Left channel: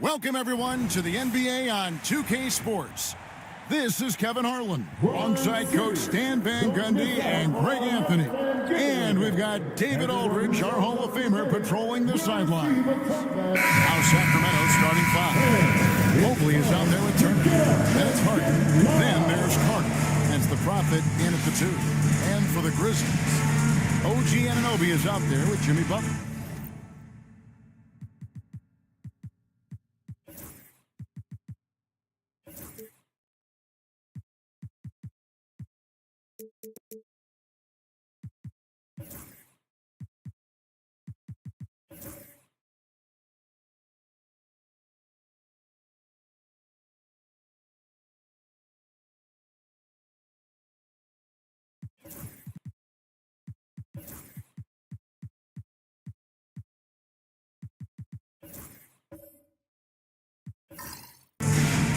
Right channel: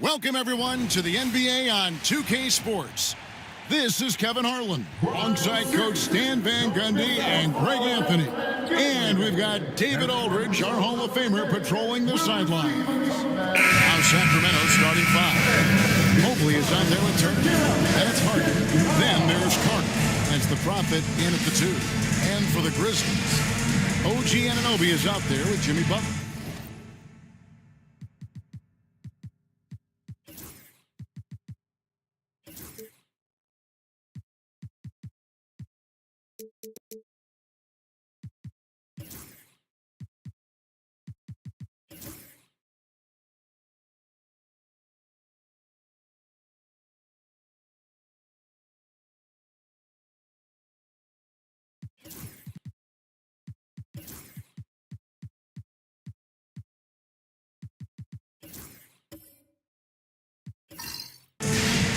Welcome, everyone, to the NBA on 2K Sports. This is Kevin Harlan, alongside Coach Stan Van Gundy and Greg Anthony. And we've got David Aldridge, our Hall of Famer, patrolling the sidelines. Now Sacramento starting five. Mobley is out there with Turner. Then it's Harden. Then there's Carter. As the Prophet in at the two. And for the Grizzlies, OG Anunoby is out there with Jimmy Butler.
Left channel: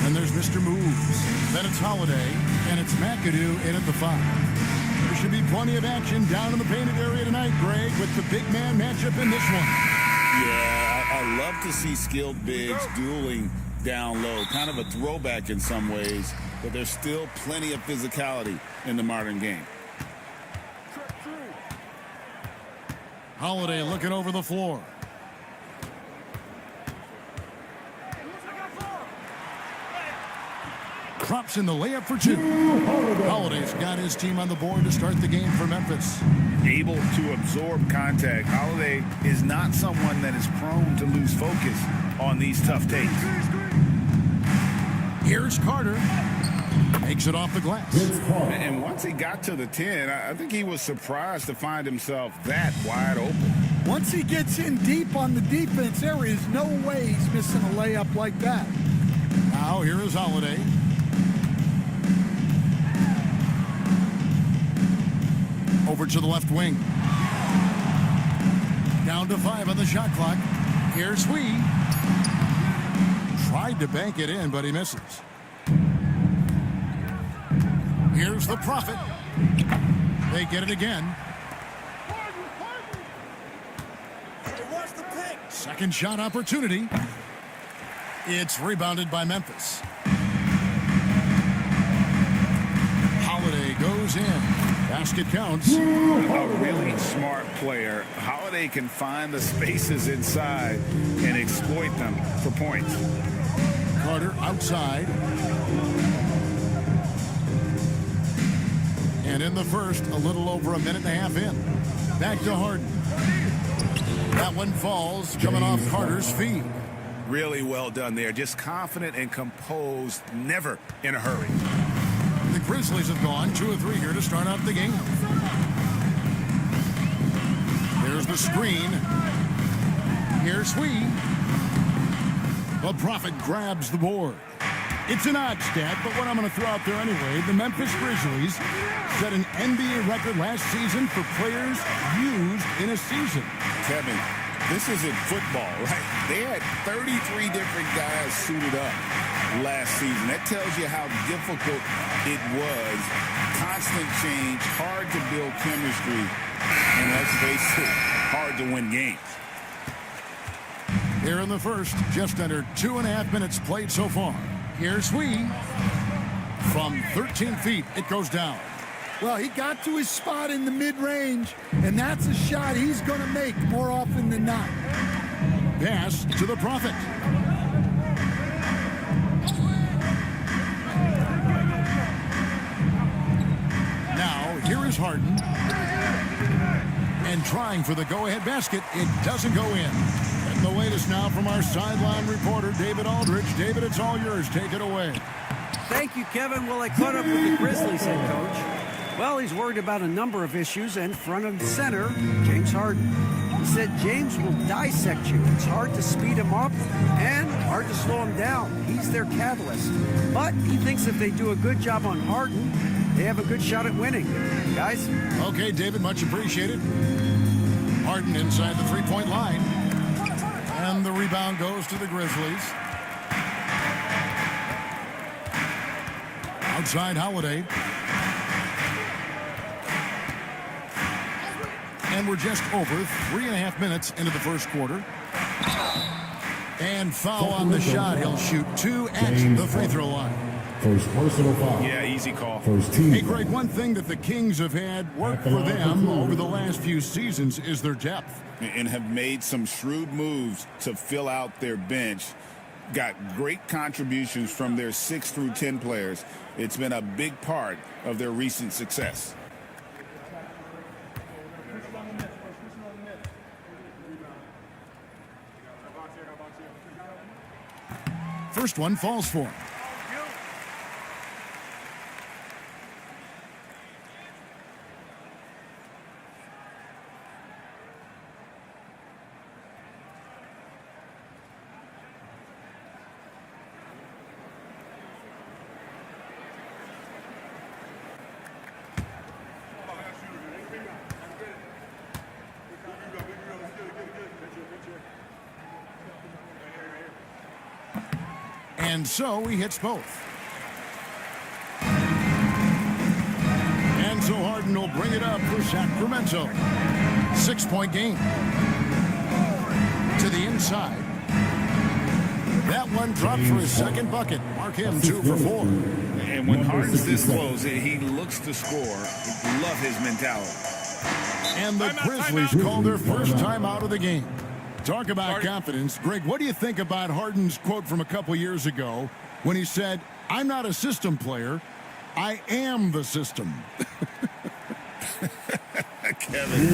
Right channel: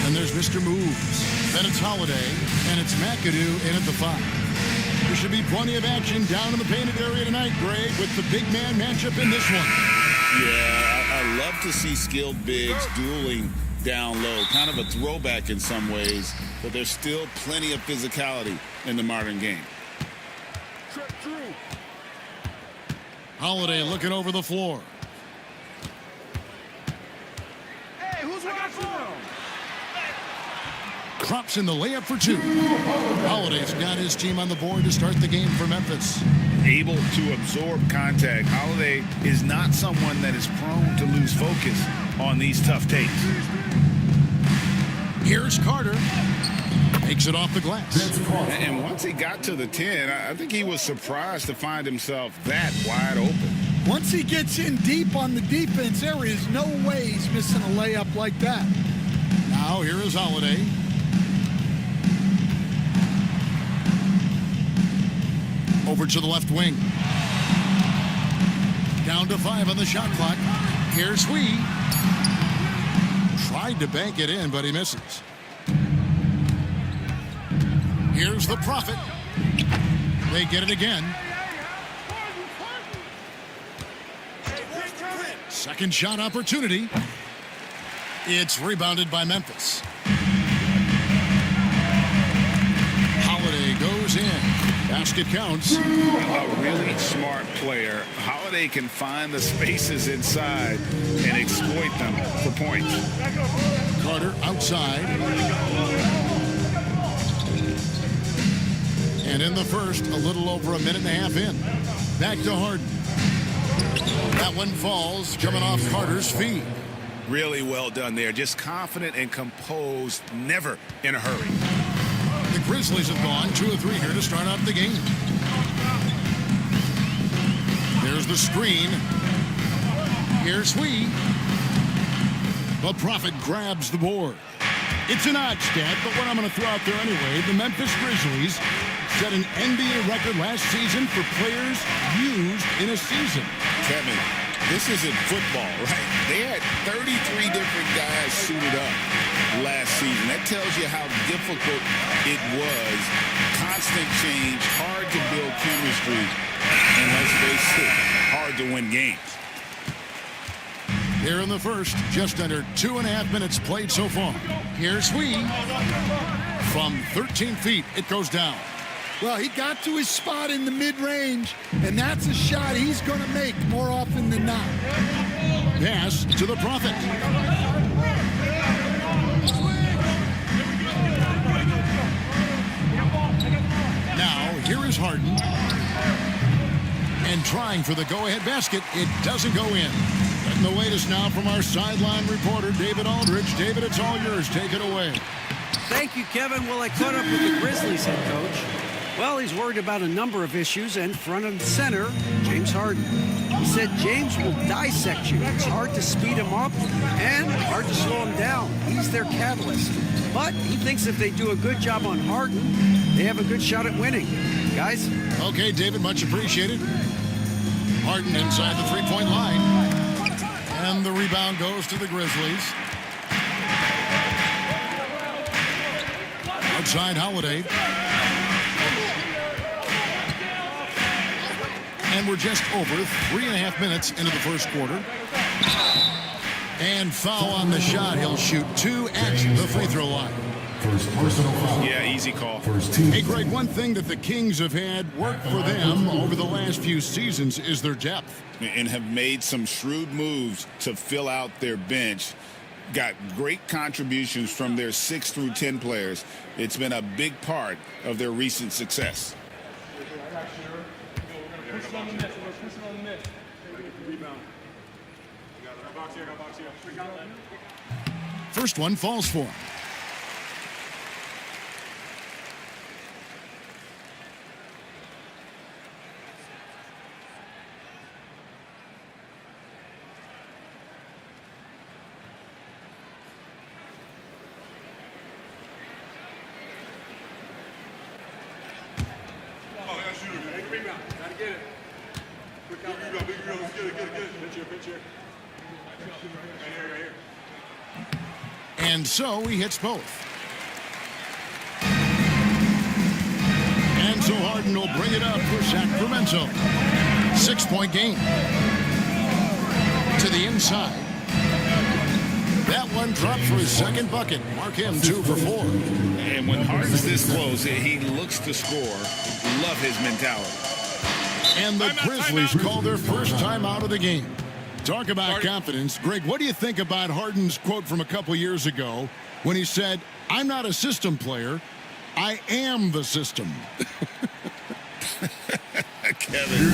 And there's Mr. Moves. Then it's Holiday, and it's McAdoo in at the five. There should be plenty of action down in the painted area tonight, Greg, with the big man matchup in this one. Yeah, I love to see skilled bigs dueling down low. Kind of a throwback in some ways, but there's still plenty of physicality in the modern game. Holiday looking over the floor. Drops in the layup for two. Holiday's got his team on the board to start the game for Memphis. Able to absorb contact. Holiday is not someone that is prone to lose focus on these tough takes. Here's Carter. Makes it off the glass. And once he got to the 10, I think he was surprised to find himself that wide open. Once he gets in deep on the defense, there is no way he's missing a layup like that. Now here is Holiday. Over to the left wing. Down to 5 on the shot clock. Here's Sweet. Tried to bank it in, but he misses. Here's the Prophet. They get it again. Second shot opportunity. It's rebounded by Memphis. Holiday goes in. Basket counts. A really smart player. Holiday can find the spaces inside and exploit them for points. Carter outside. And in the first, a little over a minute and a half in. Back to Harden. That one falls, coming off Carter's feet. Really well done there. Just confident and composed, never in a hurry. The Grizzlies have gone 2 of 3 here to start out the game. There's the screen. Here's Sweet. The Prophet grabs the board. It's an odd stat, but what I'm going to throw out there anyway, the Memphis Grizzlies set an NBA record last season for players used in a season. Kevin, this isn't football, right? They had 33 different guys suited up last season. That tells you how difficult it was. Constant change, hard to build chemistry, and let's face it, hard to win games. Here in the first, just under 2.5 minutes played so far. Here's Sweet. From 13 feet, it goes down. Well, he got to his spot in the mid-range, and that's a shot he's going to make more often than not. Pass to the Prophet. Now, here is Harden. And trying for the go-ahead basket, it doesn't go in. Getting the latest now from our sideline reporter, David Aldridge. David, it's all yours. Take it away. Thank you, Kevin. Well, I caught up with the Grizzlies head coach. Well, he's worried about a number of issues, and front and center, James Harden. He said James will dissect you. It's hard to speed him up and hard to slow him down. He's their catalyst. But he thinks if they do a good job on Harden, they have a good shot at winning. Guys? Okay, David, much appreciated. Harden inside the three-point line. And the rebound goes to the Grizzlies. Outside Holiday. And we're just over 3.5 minutes into the first quarter. And foul on the shot. He'll shoot 2 at the free throw line. First personal foul. Yeah, easy call. First team. Hey, Greg, one thing that the Kings have had work for them over the last few seasons is their depth. And have made some shrewd moves to fill out their bench. Got great contributions from their 6 through 10 players. It's been a big part of their recent success. First one falls for him. And so he hits both. And so Harden will bring it up for Sacramento. 6-point game. To the inside. That one dropped for his second bucket. Mark him 2 for 4. And when Harden's this close, he looks to score. Love his mentality. And the Grizzlies call their first time out of the game. Talk about confidence. Greg, what do you think about Harden's quote from a couple years ago when he said, "I'm not a system player, I am the system"? Kevin,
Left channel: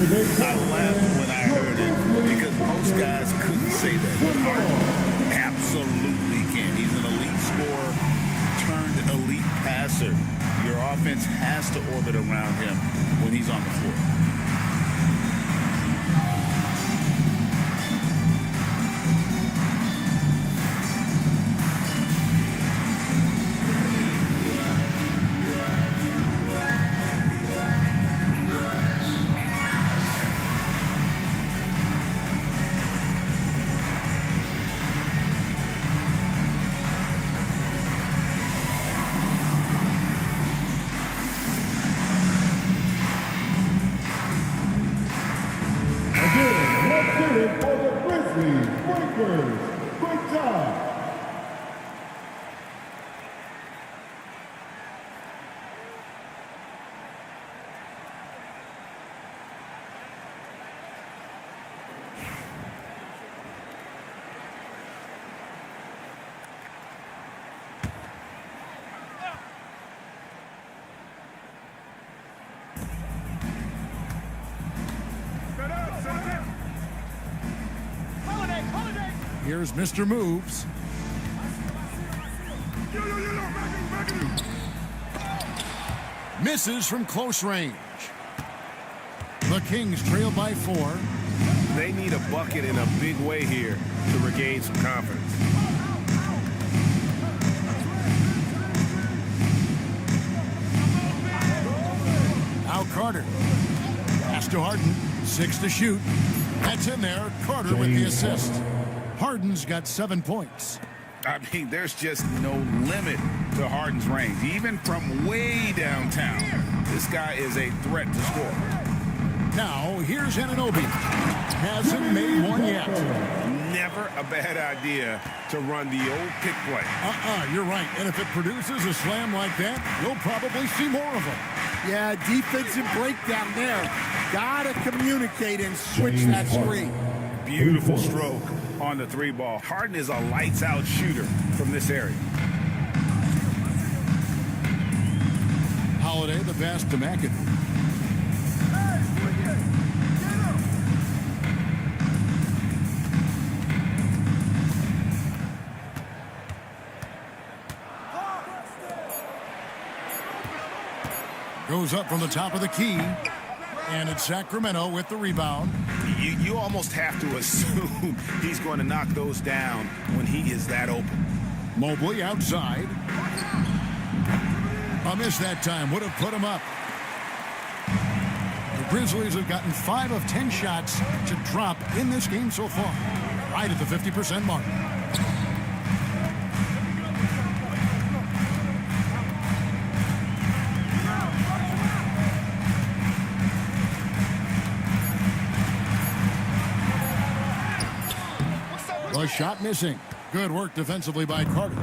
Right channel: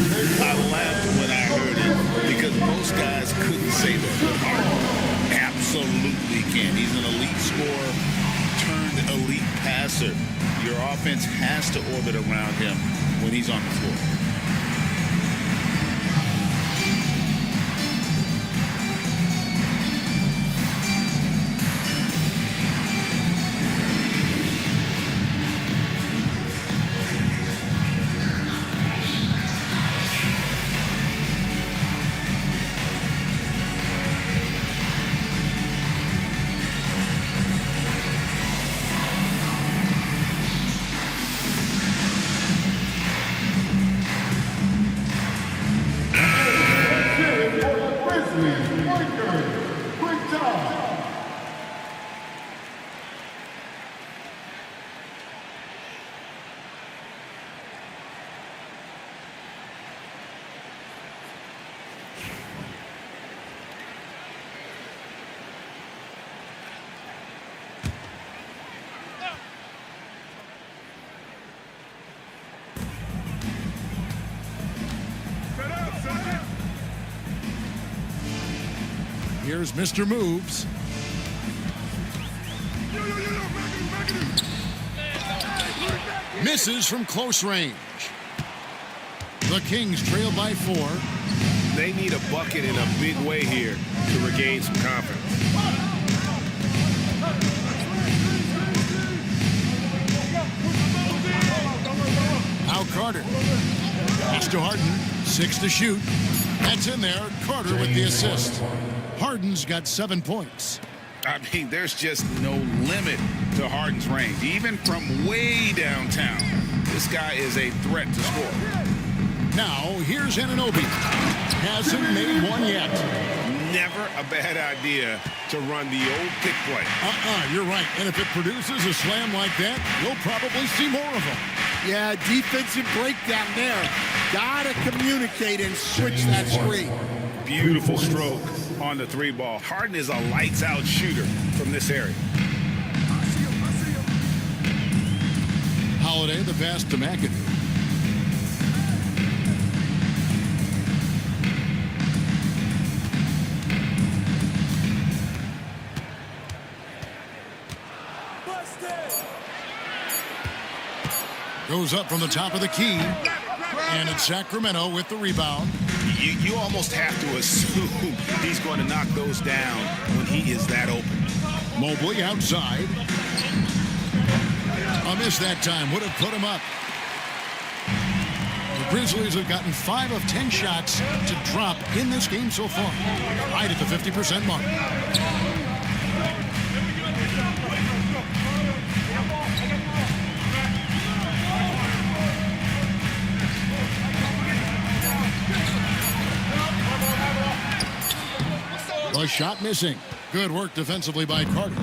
I laughed when I heard it because most guys couldn't say that. But Harden absolutely can. He's an elite scorer turned elite passer. Your offense has to orbit around him when he's on the floor. Great job. Here's Mr. Moves. Misses from close range. The Kings trail by 4. They need a bucket in a big way here to regain some confidence. Now Carter. Pass to Harden. 6 to shoot. That's in there. Carter with the assist. Harden's got 7 points. I mean, there's just no limit to Harden's range. Even from way downtown, this guy is a threat to score. Now, here's Anunoby. Hasn't made one yet. Never a bad idea to run the old pick play. You're right. And if it produces a slam like that, you'll probably see more of them. Yeah, defensive breakdown there. Gotta communicate and switch that screen. Beautiful stroke on the 3 ball. Harden is a lights-out shooter from this area. Holiday, the pass to McAdoo. Goes up from the top of the key. And it's Sacramento with the rebound. You almost have to assume he's going to knock those down when he is that open. Mobley outside. A miss that time. Would have put him up. The Grizzlies have gotten 5 of 10 shots to drop in this game so far. Right at the 50% mark. A shot missing. Good work defensively by Carter.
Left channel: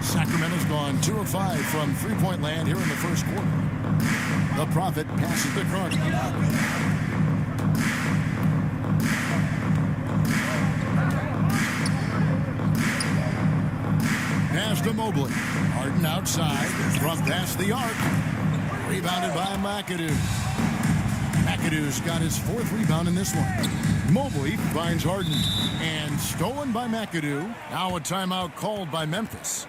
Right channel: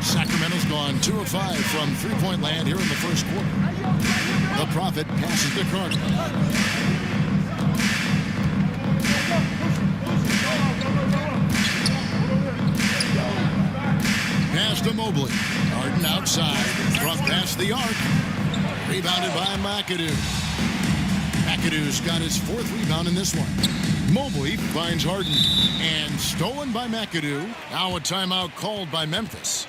Sacramento's gone 2 of 5 from three-point land here in the first quarter. The Prophet passes to Carter. Pass to Mobley. Harden outside. From past the arc. Rebounded by McAdoo. McAdoo's got his 4th rebound in this one. Mobley finds Harden. And stolen by McAdoo. Now a timeout called by Memphis.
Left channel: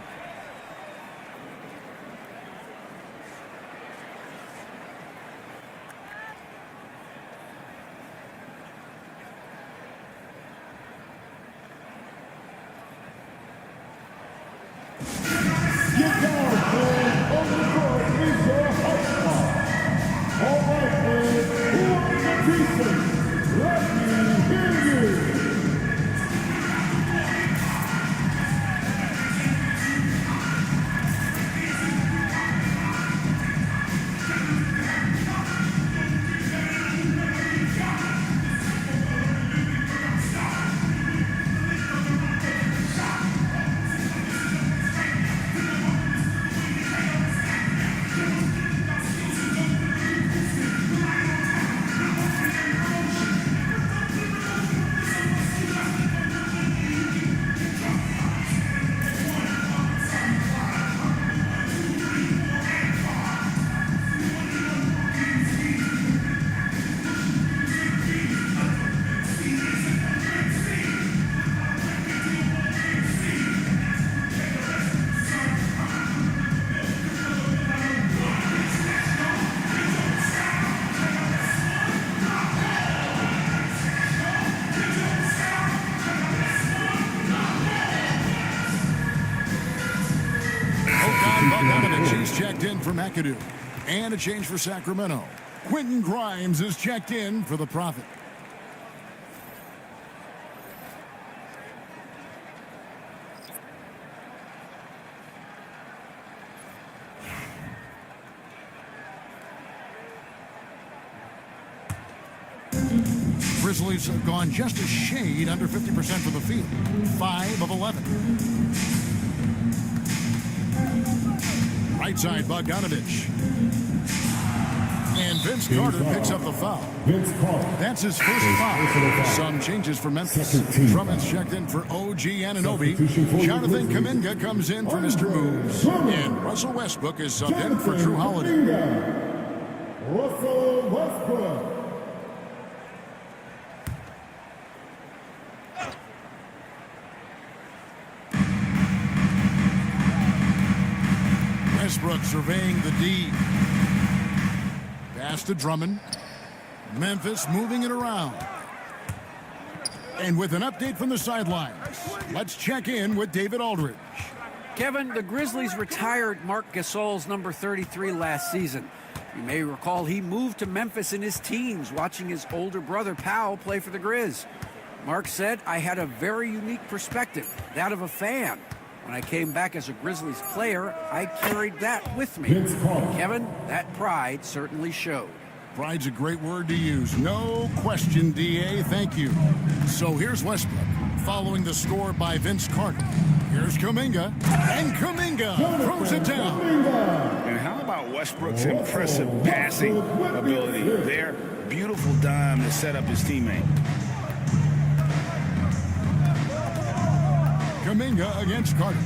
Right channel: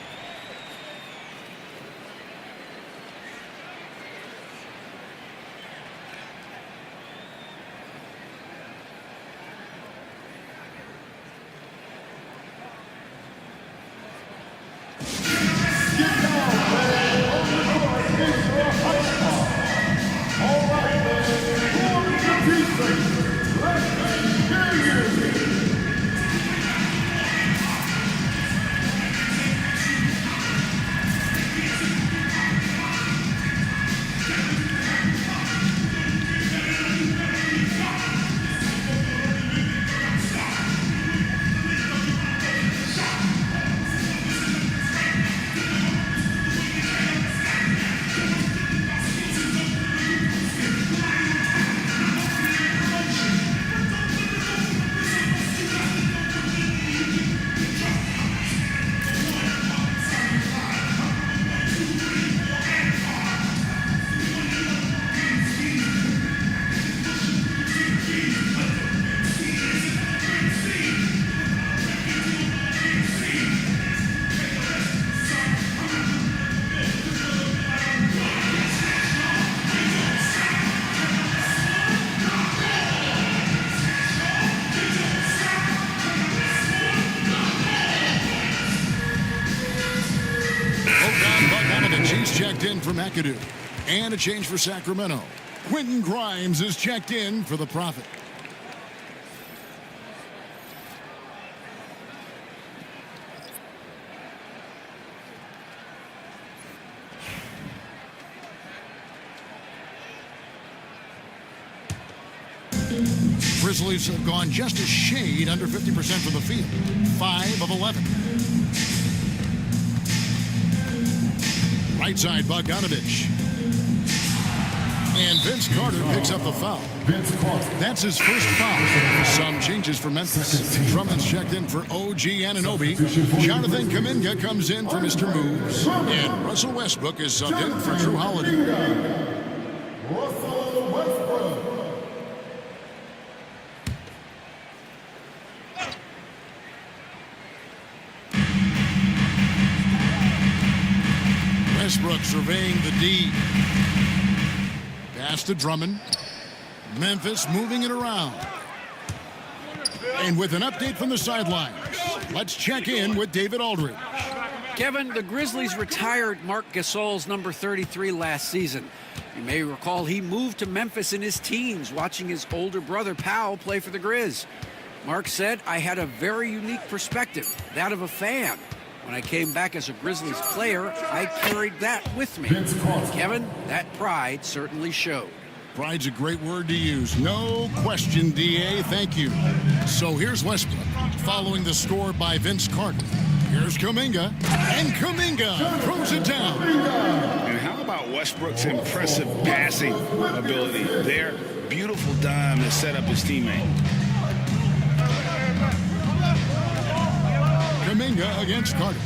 He's checked in for McAdoo. And a change for Sacramento. Quentin Grimes is checked in for the Prophet. Grizzlies have gone just a shade under 50% from the field. 5 of 11. Right side, Bogdanovich. And Vince Carter picks up the foul. That's his first foul. Some changes for Memphis. Drummond's checked in for OG Anunoby. Jonathan Kuminga comes in for Mr. Moves. And Russell Westbrook is subbed in for Drew Holiday. Russell Westbrook. Westbrook surveying the D. Pass to Drummond. Memphis moving it around. And with an update from the sidelines, let's check in with David Aldridge. Kevin, the Grizzlies retired Marc Gasol's number 33 last season. You may recall he moved to Memphis in his teens, watching his older brother Powell play for the Grizz. Mark said, "I had a very unique perspective, that of a fan. When I came back as a Grizzlies player, I carried that with me." Kevin, that pride certainly showed. Pride's a great word to use. No question, DA. Thank you. So here's Westbrook, following the score by Vince Carter. Here's Kuminga, and Kuminga throws it down. And how about Westbrook's impressive passing ability there? Beautiful dime to set up his teammate. Kuminga against Carter.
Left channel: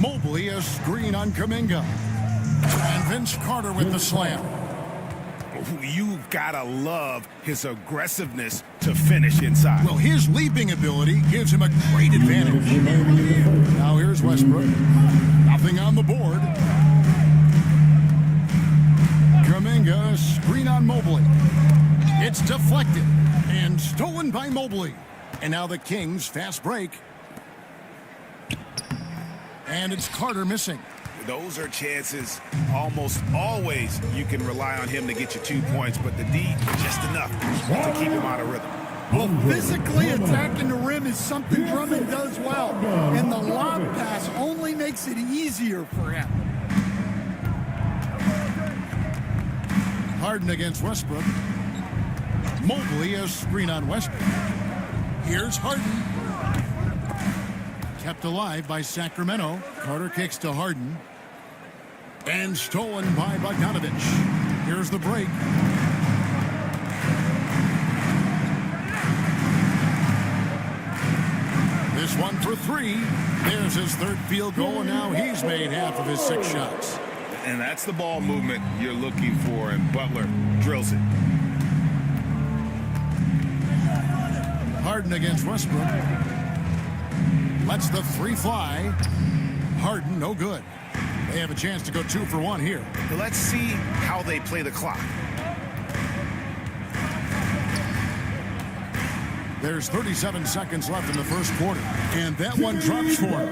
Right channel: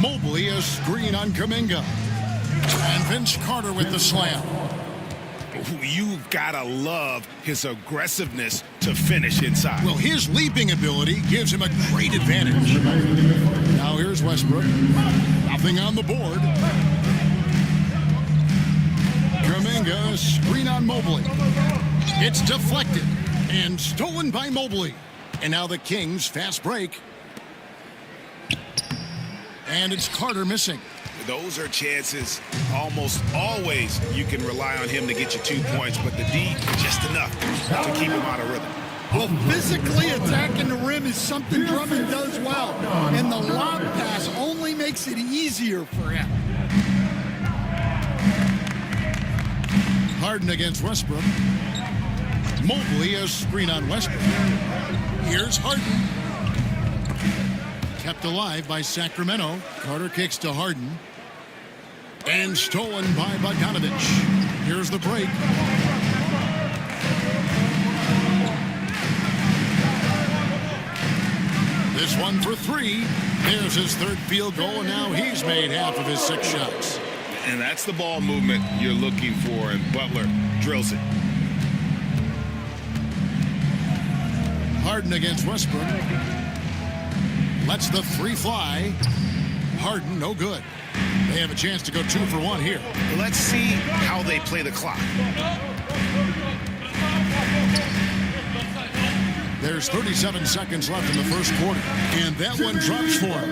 Mobley a screen on Kuminga. And Vince Carter with the slam. You've got to love his aggressiveness to finish inside. Well, his leaping ability gives him a great advantage. Now here's Westbrook. Nothing on the board. Kuminga screen on Mobley. It's deflected. And stolen by Mobley. And now the Kings fast break. And it's Carter missing. Those are chances almost always you can rely on him to get you 2 points, but the D just enough to keep him out of rhythm. Well, physically attacking the rim is something Drummond does well, and the lob pass only makes it easier for him. Harden against Westbrook. Mobley a screen on Westbrook. Here's Harden. Kept alive by Sacramento. Carter kicks to Harden. And stolen by Bogdanovich. Here's the break. This one for three. There's his third field goal, and now he's made half of his 6 shots. And that's the ball movement you're looking for, and Butler drills it. Harden against Westbrook. Lets the 3 fly. Harden, no good. They have a chance to go 2 for 1 here. Let's see how they play the clock. There's 37 seconds left in the first quarter. And that one drops for him.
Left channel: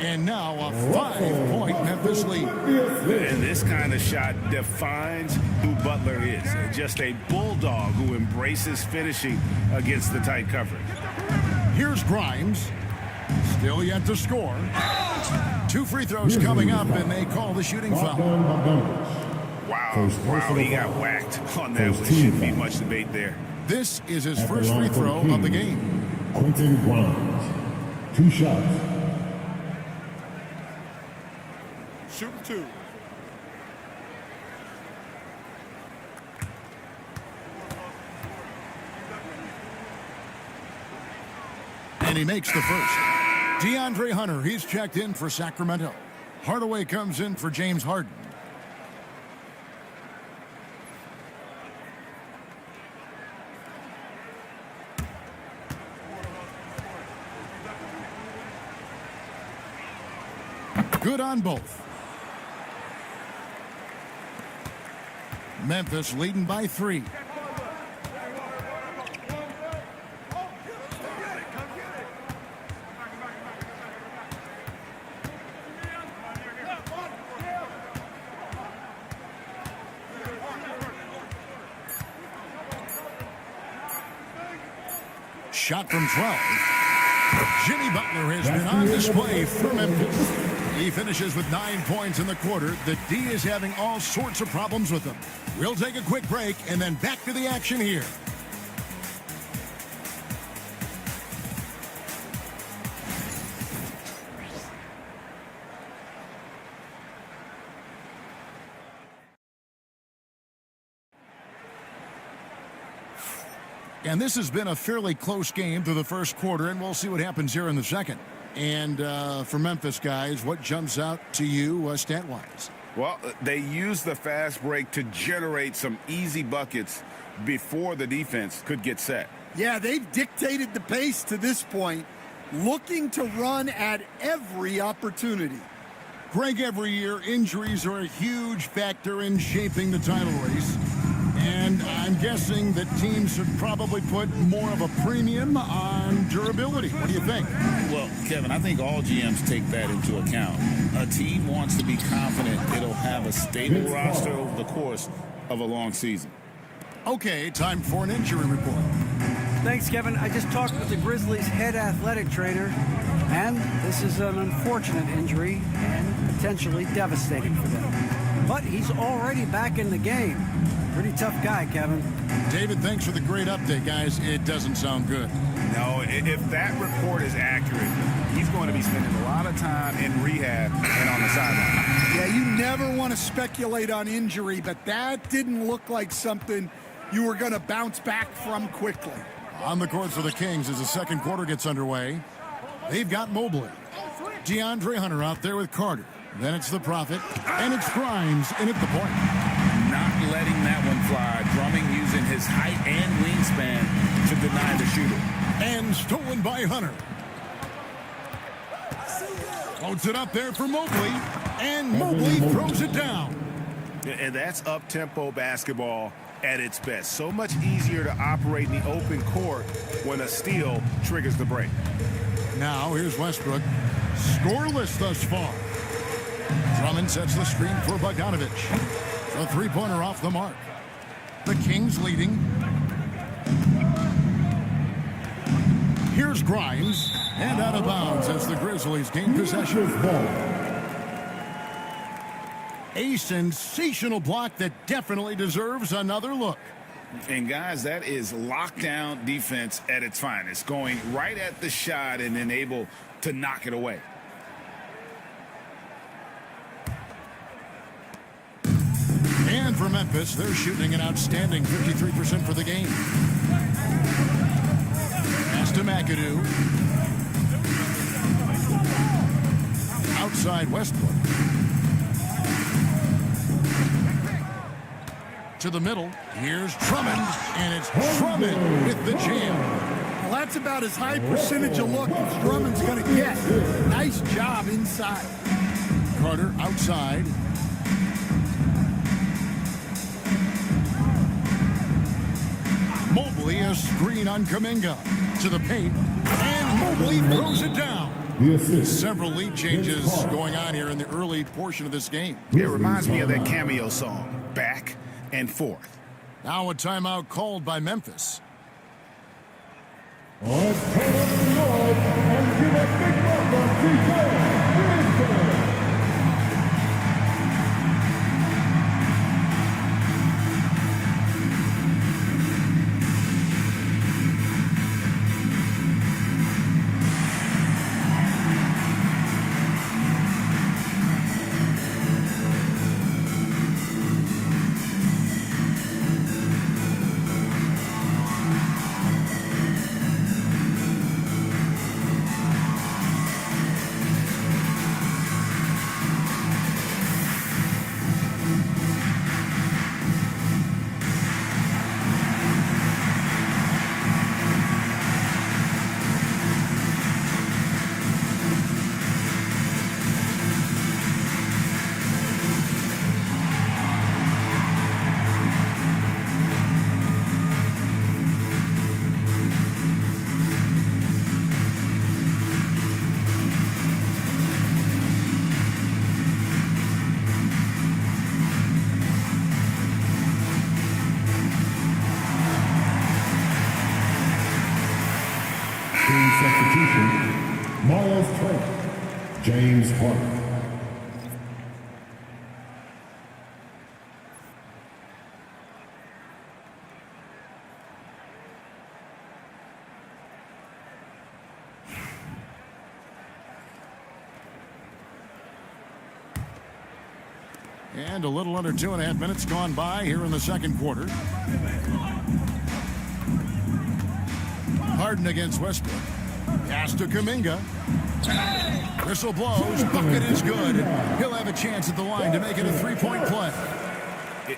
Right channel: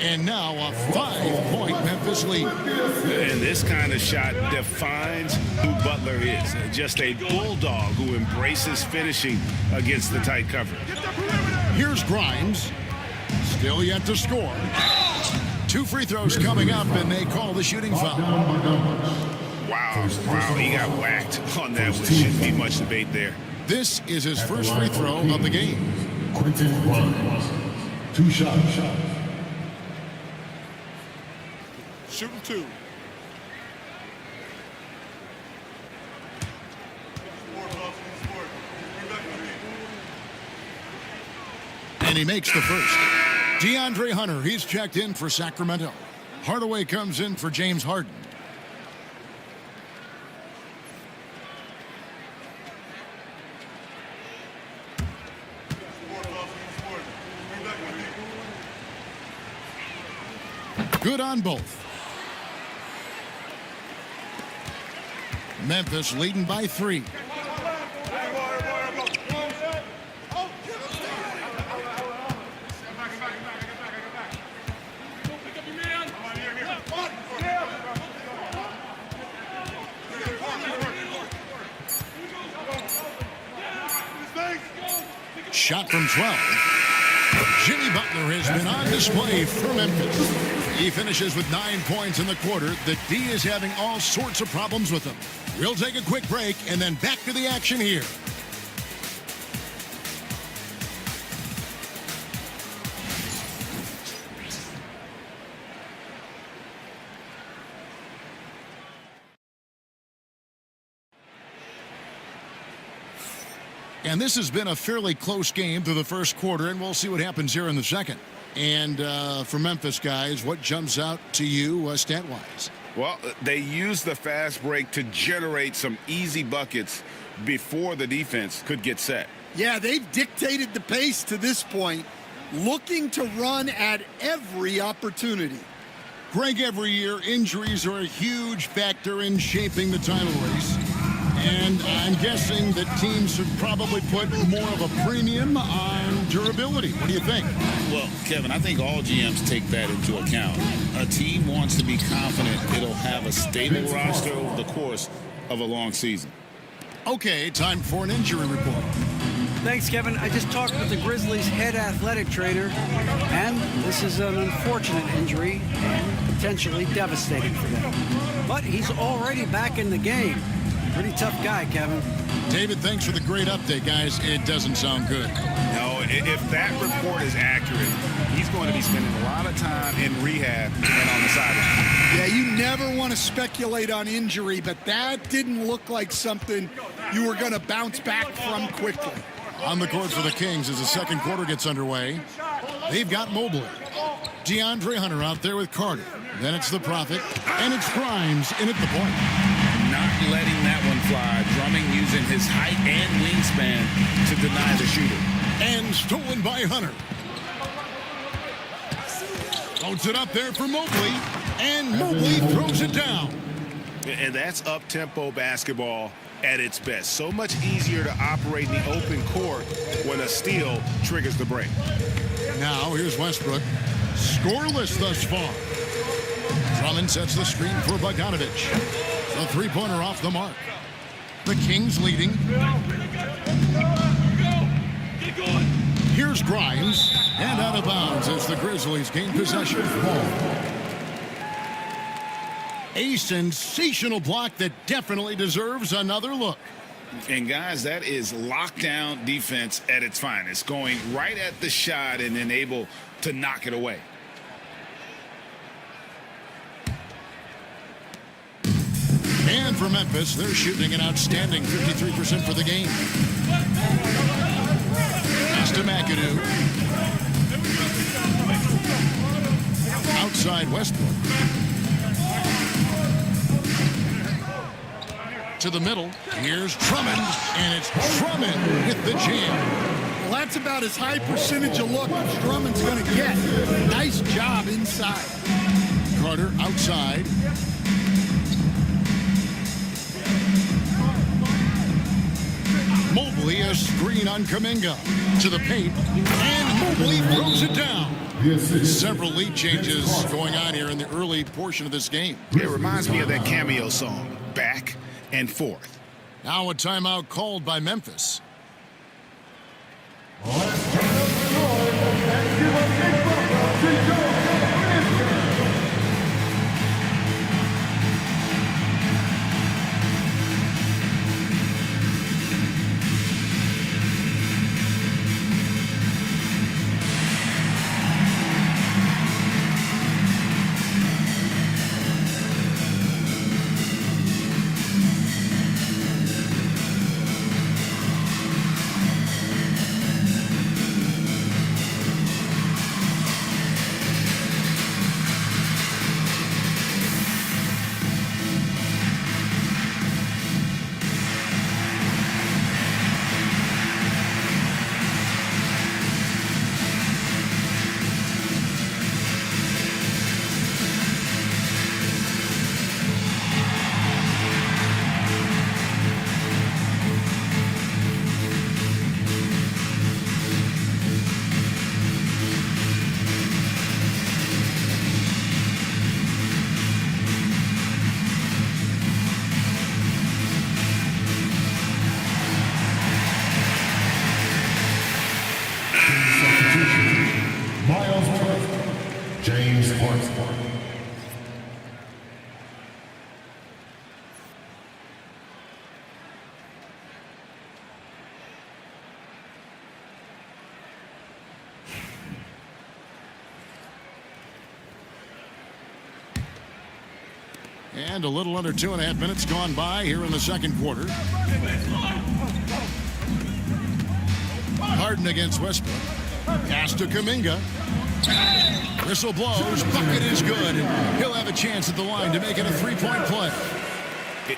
And now a 5-point Memphis lead. And this kind of shot defines who Butler is. Just a bulldog who embraces finishing against the tight coverage. Here's Grimes. Still yet to score. 2 free throws coming up, and they call the shooting foul. Wow, he got whacked on that one. Shouldn't be much debate there. This is his first free throw of the game. Quentin Grimes. 2 shots. Shooting 2. And he makes the first. DeAndre Hunter, he's checked in for Sacramento. Hardaway comes in for James Harden. Good on both. Memphis leading by 3. Shot from 12. Jimmy Butler has been on display for Memphis. He finishes with 9 points in the quarter. The D is having all sorts of problems with him. We'll take a quick break and then back to the action here. And this has been a fairly close game through the first quarter, and we'll see what happens here in the second. And for Memphis, guys, what jumps out to you stat-wise? Well, they used the fast break to generate some easy buckets before the defense could get set. Yeah, they've dictated the pace to this point, looking to run at every opportunity. Greg, every year, injuries are a huge factor in shaping the title race. And I'm guessing that teams should probably put more of a premium on durability. What do you think? Well, Kevin, I think all GMs take that into account. A team wants to be confident it'll have a stable roster over the course of a long season. Okay, time for an injury report. Thanks, Kevin. I just talked with the Grizzlies' head athletic trainer, and this is an unfortunate injury and potentially devastating for them. But he's already back in the game. Pretty tough guy, Kevin. David, thanks for the great update, guys. It doesn't sound good. No, if that report is accurate, he's going to be spending a lot of time in rehab and on the sideline. Yeah, you never want to speculate on injury, but that didn't look like something you were going to bounce back from quickly. On the court for the Kings as the second quarter gets underway. They've got Mobley. DeAndre Hunter out there with Carter. Then it's the Prophet, and it's Grimes in at the point. Not letting that one fly. Drummond using his height and wingspan to deny the shooter. And stolen by Hunter. Floats it up there for Mobley. And Mobley throws it down. And that's up-tempo basketball at its best. So much easier to operate in the open court when a steal triggers the break. Now here's Westbrook. Scoreless thus far. Drummond sets the screen for Bogdanovic. The three-pointer off the mark. The Kings leading. Here's Grimes. And out of bounds as the Grizzlies gain possession. A sensational block that definitely deserves another look. And guys, that is lockdown defense at its finest. Going right at the shot and then able to knock it away. And for Memphis, they're shooting an outstanding 53% for the game. Pass to McAdoo. Outside Westbrook. To the middle. Here's Drummond. And it's Drummond with the jam. Well, that's about as high percentage of look as Drummond's going to get. Nice job inside. Carter outside. Mobley a screen on Kuminga. To the paint. And Mobley throws it down. Several lead changes going on here in the early portion of this game. It reminds me of that cameo song, Back and Forth. Now a timeout called by Memphis. Let's turn up the noise and give a big welcome to your Grizzlies. Substitution, Miles Turner, James Harden. And a little under 2.5 minutes gone by here in the second quarter. Harden against Westbrook. Pass to Kuminga. Whistle blows. Bucket is good. And he'll have a chance at the line to make it a three-point play.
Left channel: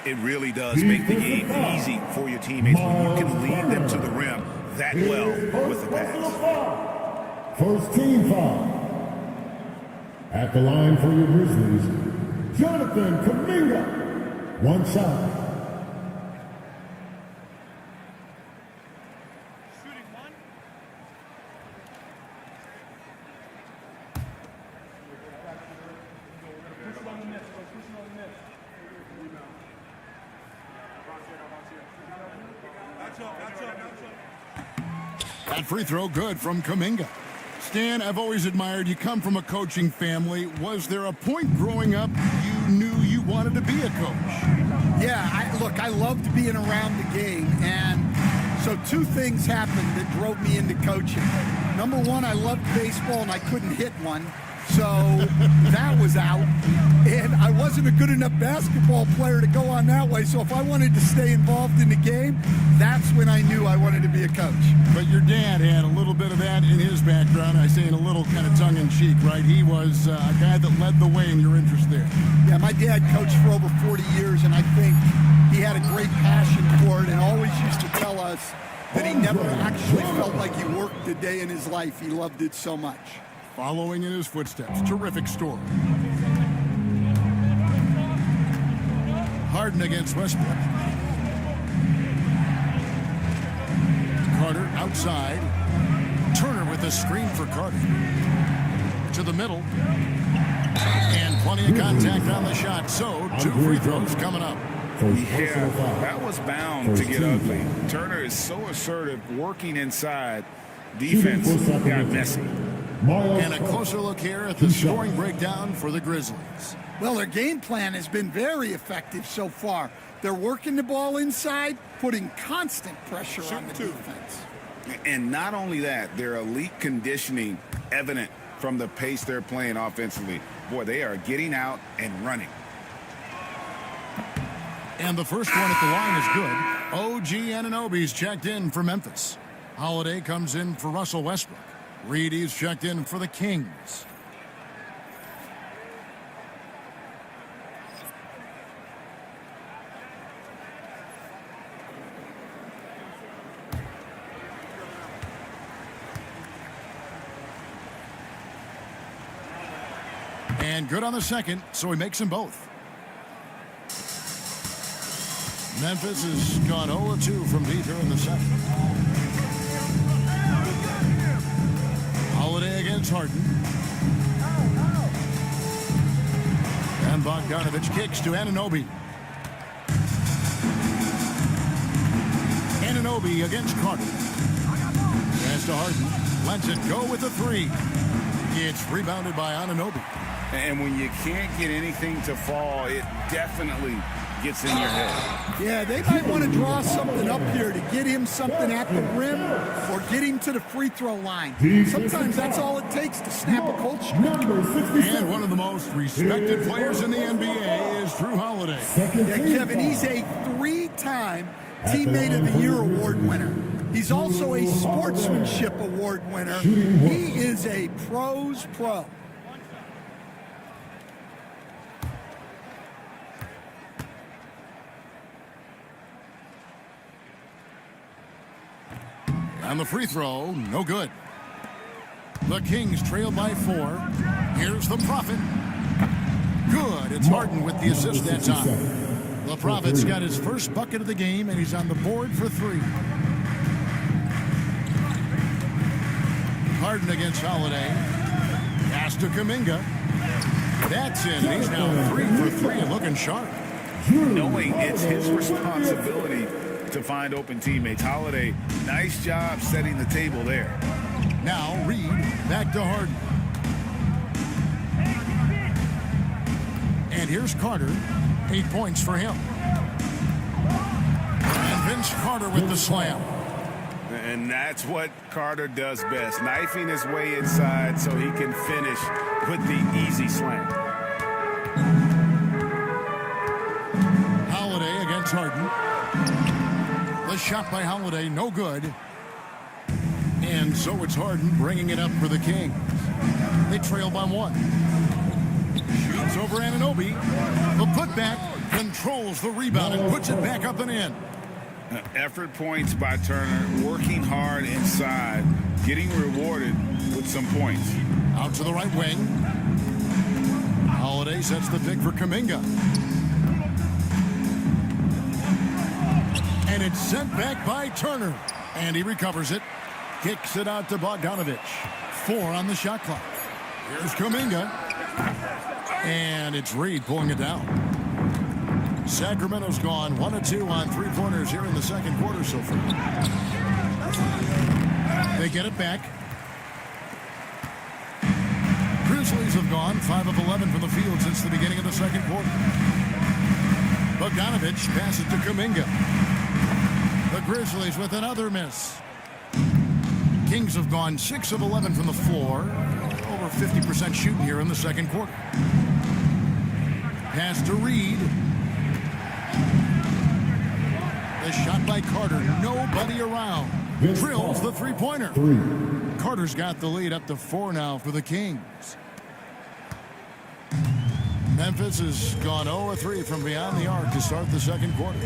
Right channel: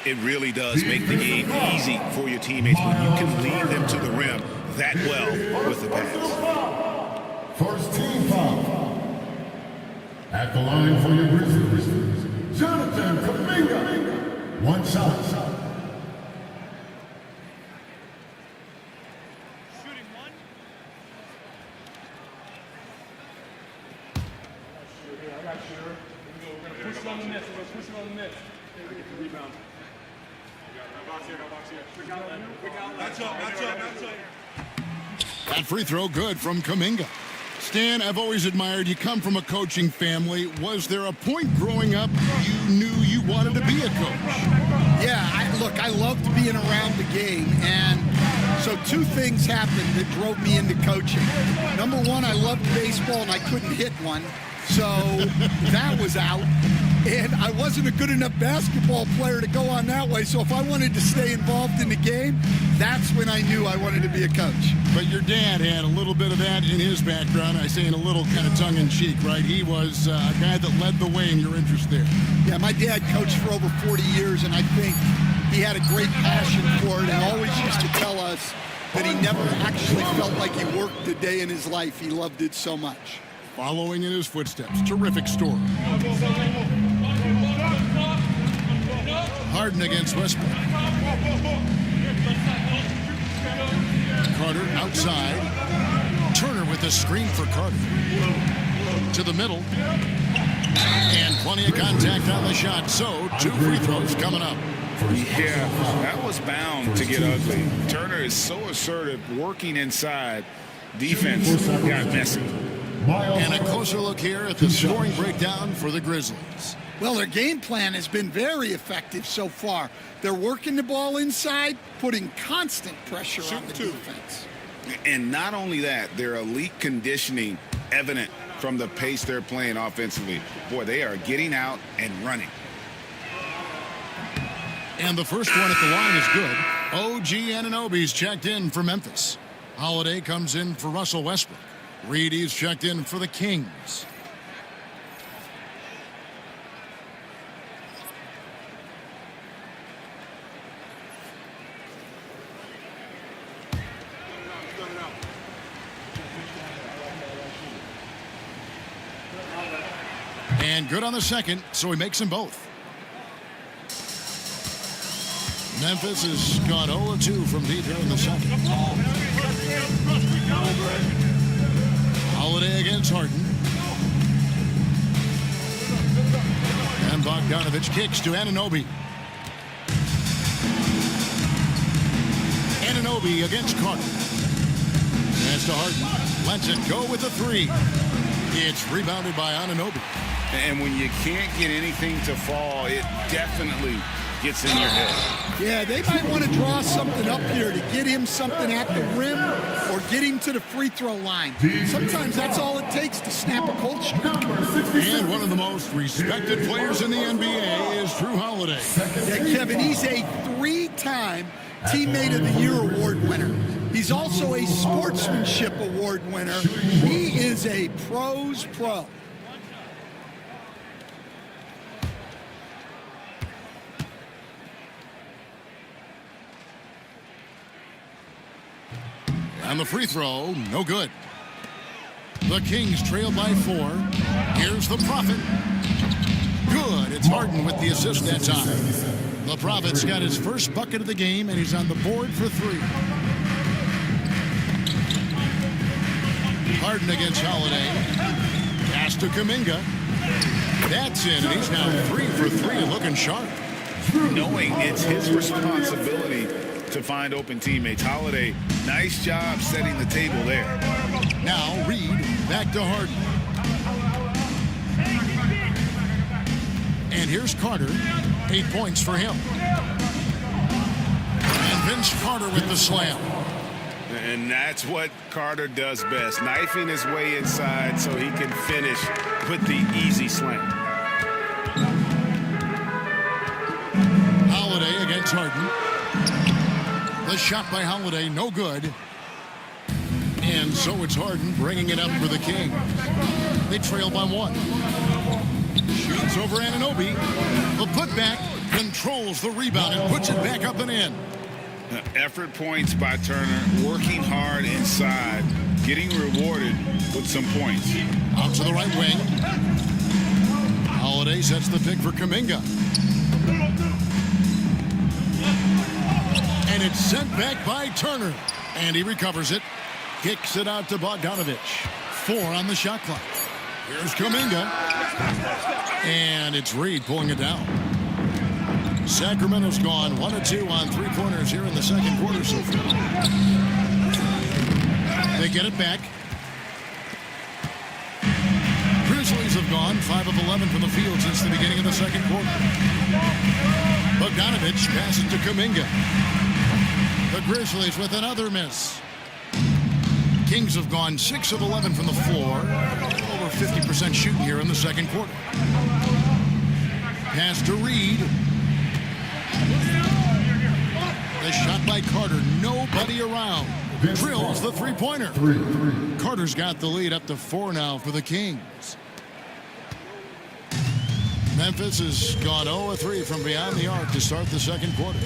It really does make the game easy for your teammates when you can lead them to the rim that well with the pass. First team foul. At the line for your Grizzlies, Jonathan Kuminga. One shot. That free throw good from Kuminga. Stan, I've always admired you. Come from a coaching family. Was there a point growing up you knew you wanted to be a coach? Yeah, I loved being around the game, and so two things happened that drove me into coaching. Number one, I loved baseball, and I couldn't hit one, so that was out. And I wasn't a good enough basketball player to go on that way, so if I wanted to stay involved in the game, that's when I knew I wanted to be a coach. But your dad had a little bit of that in his background. I say in a little kind of tongue-in-cheek, right? He was a guy that led the way in your interest there. Yeah, my dad coached for over 40 years, and I think he had a great passion for it and always used to tell us that he never actually felt like he worked a day in his life. He loved it so much. Following in his footsteps. Terrific story. Harden against Westbrook. Carter outside. Turner with a screen for Carter. To the middle. And plenty of contact on the shot. So 2 free throws coming up. Yeah, that was bound to get ugly. Turner is so assertive, working inside. Defense got messy. And a closer look here at the scoring breakdown for the Grizzlies. Well, their game plan has been very effective so far. They're working the ball inside, putting constant pressure on the defense. And not only that, their elite conditioning evident from the pace they're playing offensively. Boy, they are getting out and running. And the first one at the line is good. OG Anunoby's checked in for Memphis. Holiday comes in for Russell Westbrook. Reedy's checked in for the Kings. And good on the second, so he makes them both. Memphis has gone 0-2 from deep here in the second. Holiday against Harden. And Bogdanovich kicks to Anunoby. Anunoby against Carter. Pass to Harden. Lets it go with the 3. It's rebounded by Anunoby. And when you can't get anything to fall, it definitely gets in your head. Yeah, they might want to draw something up here to get him something at the rim or get him to the free throw line. Sometimes that's all it takes to snap a cold streak. And one of the most respected players in the NBA is Drew Holiday. Yeah, Kevin, he's a 3-time Teammate of the Year award winner. He's also a Sportsmanship Award winner. He is a pro's pro. And the free throw, no good. The Kings trail by 4. Here's the Prophet. Good. It's Harden with the assist that time. The Prophet's got his first bucket of the game, and he's on the board for 3. Harden against Holiday. Pass to Kuminga. That's in, and he's now 3 for 3 and looking sharp. Knowing it's his responsibility to find open teammates. Holiday, nice job setting the table there. Now Reed back to Harden. And here's Carter. 8 points for him. And Vince Carter with the slam. And that's what Carter does best, knifing his way inside so he can finish with the easy slam. Holiday against Harden. The shot by Holiday, no good. And so it's Harden bringing it up for the Kings. They trail by 1. Shoots over Anunoby. The putback controls the rebound and puts it back up and in. Effort points by Turner, working hard inside, getting rewarded with some points. Out to the right wing. Holiday sets the pick for Kuminga. And it's sent back by Turner. And he recovers it. Kicks it out to Bogdanovich. 4 on the shot clock. Here's Kuminga. And it's Reed pulling it down. Sacramento's gone 1 of 2 on 3-pointers here in the second quarter so far. They get it back. Grizzlies have gone 5 of 11 from the field since the beginning of the second quarter. Bogdanovich passes to Kuminga. The Grizzlies with another miss. Kings have gone 6 of 11 from the floor. Over 50% shooting here in the second quarter. Pass to Reed. The shot by Carter. Nobody around. Drills the 3-pointer. Carter's got the lead up to 4 now for the Kings. Memphis has gone 0 of 3 from beyond the arc to start the second quarter.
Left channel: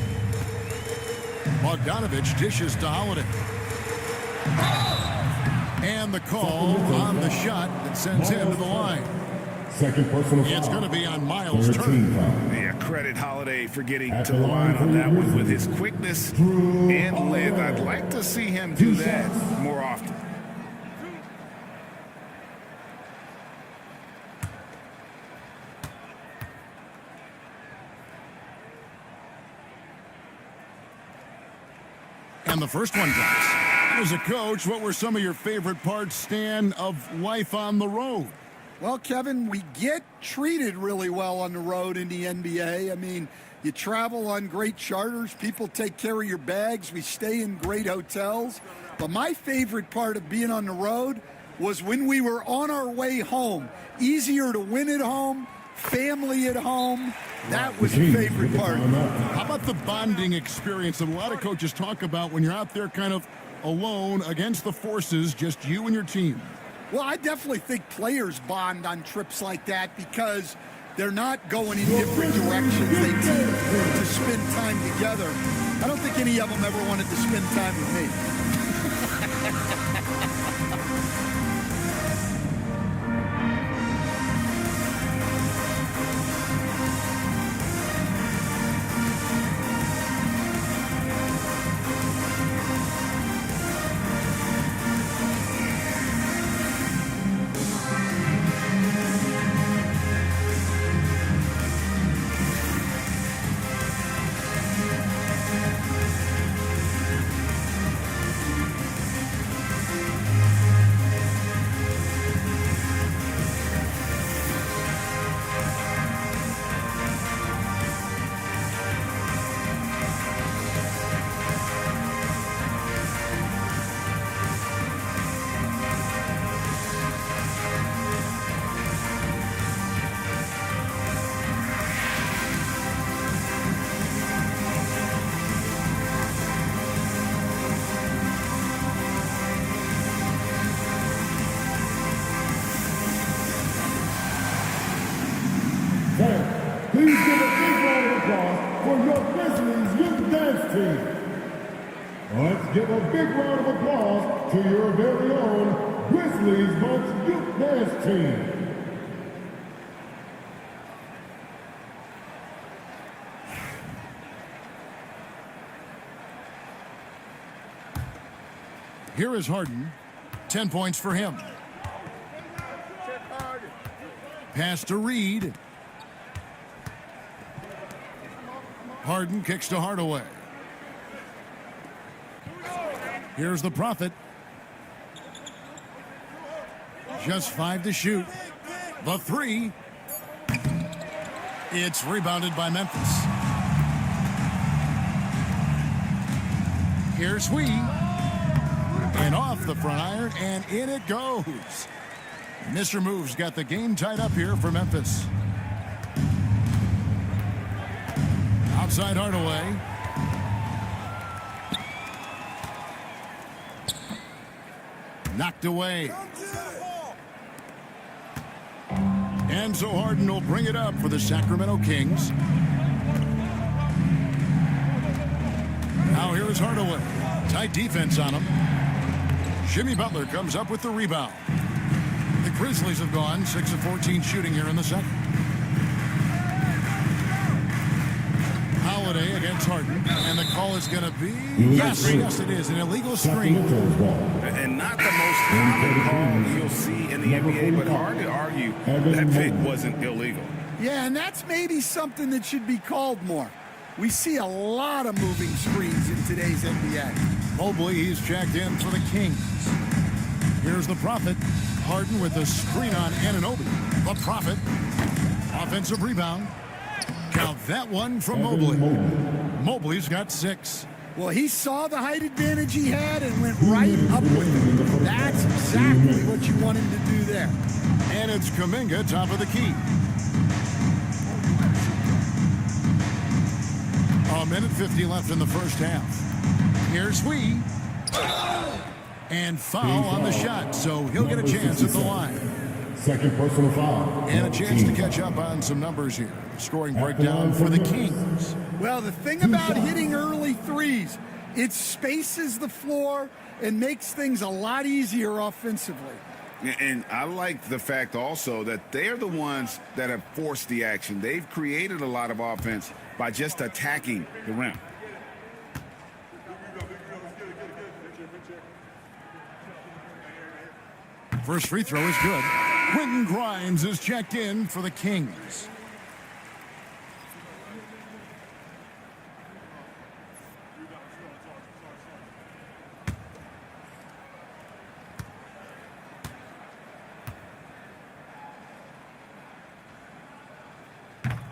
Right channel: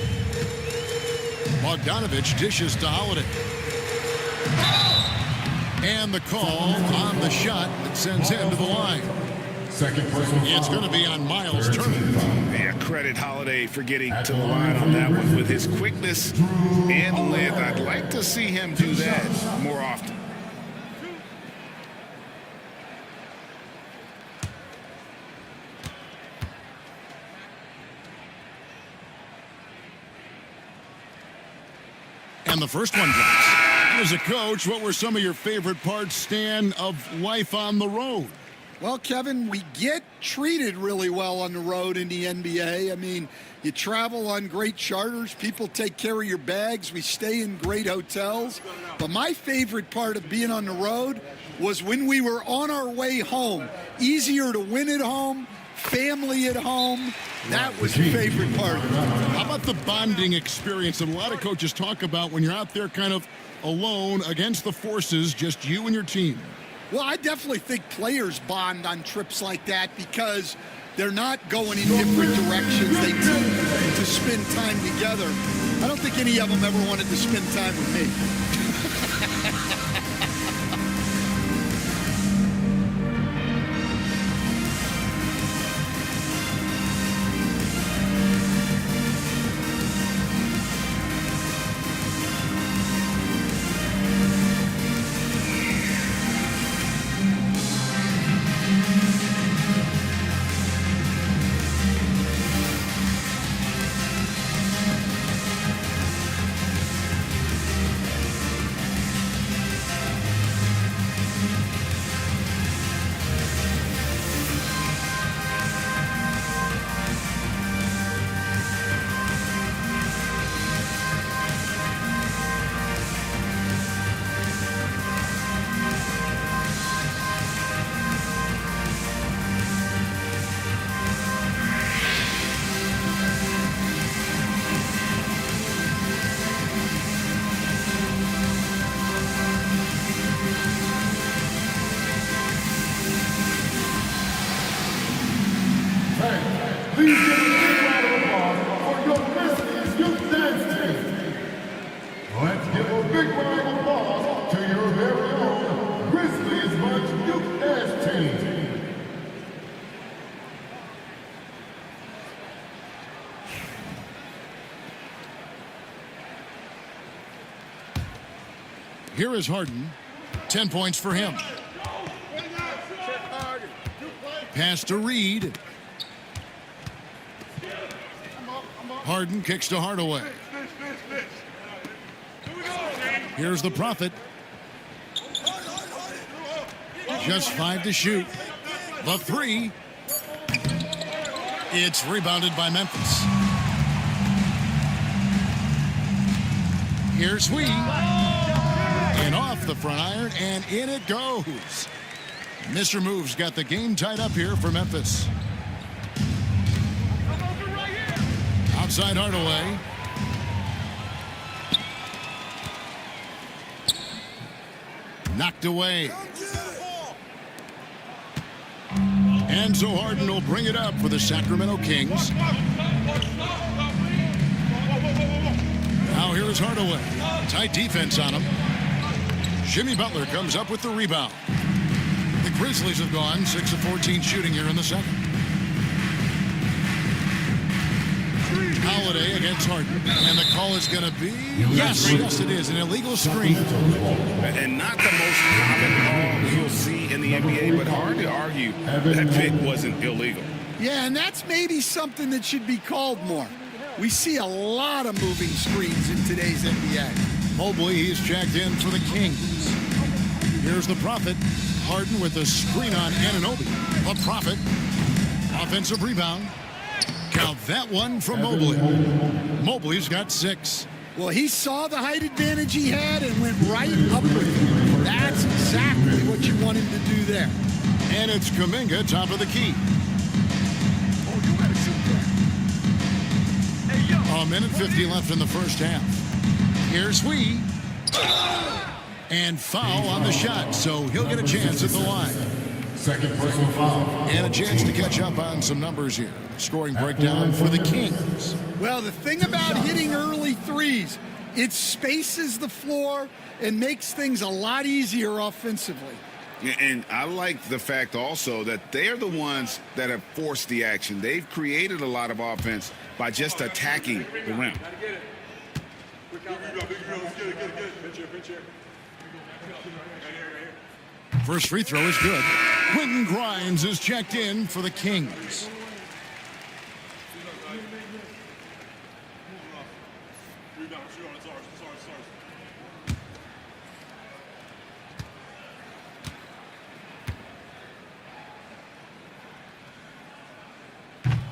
Bogdanovich dishes to Holiday. And the call on the shot that sends him to the line. Second personal foul. It's going to be on Miles' turn. Foul. Yeah, credit Holiday for getting to the line on that one. With his quickness and length, I'd like to see him do that more often. And the first one drops. As a coach, what were some of your favorite parts, Stan, of life on the road? Well, Kevin, we get treated really well on the road in the NBA. I mean, you travel on great charters. People take care of your bags. We stay in great hotels. But my favorite part of being on the road was when we were on our way home. Easier to win at home, family at home. That was the favorite part. How about the bonding experience that a lot of coaches talk about when you're out there kind of alone against the forces, just you and your team? Well, I definitely think players bond on trips like that because they're not going in different directions. They team to spend time together. I don't think any of them ever wanted to spend time with me. Please give a big round of applause for your Grizzlies youth dance team. Let's give a big round of applause to your very own Grizzlies Bunch youth dance team. Here is Harden. 10 points for him. Pass to Reed. Harden kicks to Hardaway. Here's the Prophet. Just 5 to shoot. The 3. It's rebounded by Memphis. Here's Sweet. And off the front iron, and in it goes. Mr. Move's got the game tied up here for Memphis. Outside Hardaway. Knocked away. And so Harden will bring it up for the Sacramento Kings. Now here is Hardaway. Tight defense on him. Jimmy Butler comes up with the rebound. The Grizzlies have gone 6 of 14 shooting here in the second. Holiday against Harden, and the call is going to be, yes, it is, an illegal screen. And not the most common call you'll see in the NBA, but hard to argue that pick wasn't illegal. Yeah, and that's maybe something that should be called more. We see a lot of moving screens in today's NBA. Mobley, he's checked in for the Kings. Here's the Prophet. Harden with a screen on Anunoby. The Prophet. Offensive rebound. Count that one from Mobley. Mobley's got 6. Well, he saw the height advantage he had and went right up with it. That's exactly what you want him to do there. And it's Kuminga, top of the key. A minute 50 left in the first half. Here's Wee. And foul on the shot, so he'll get a chance at the line. Second personal foul. And a chance to catch up on some numbers here. Scoring breakdown for the Kings. Well, the thing about hitting early threes, it spaces the floor and makes things a lot easier offensively. And I like the fact also that they're the ones that have forced the action. They've created a lot of offense by just attacking the rim. First free throw is good. Quentin Grimes is checked in for the Kings.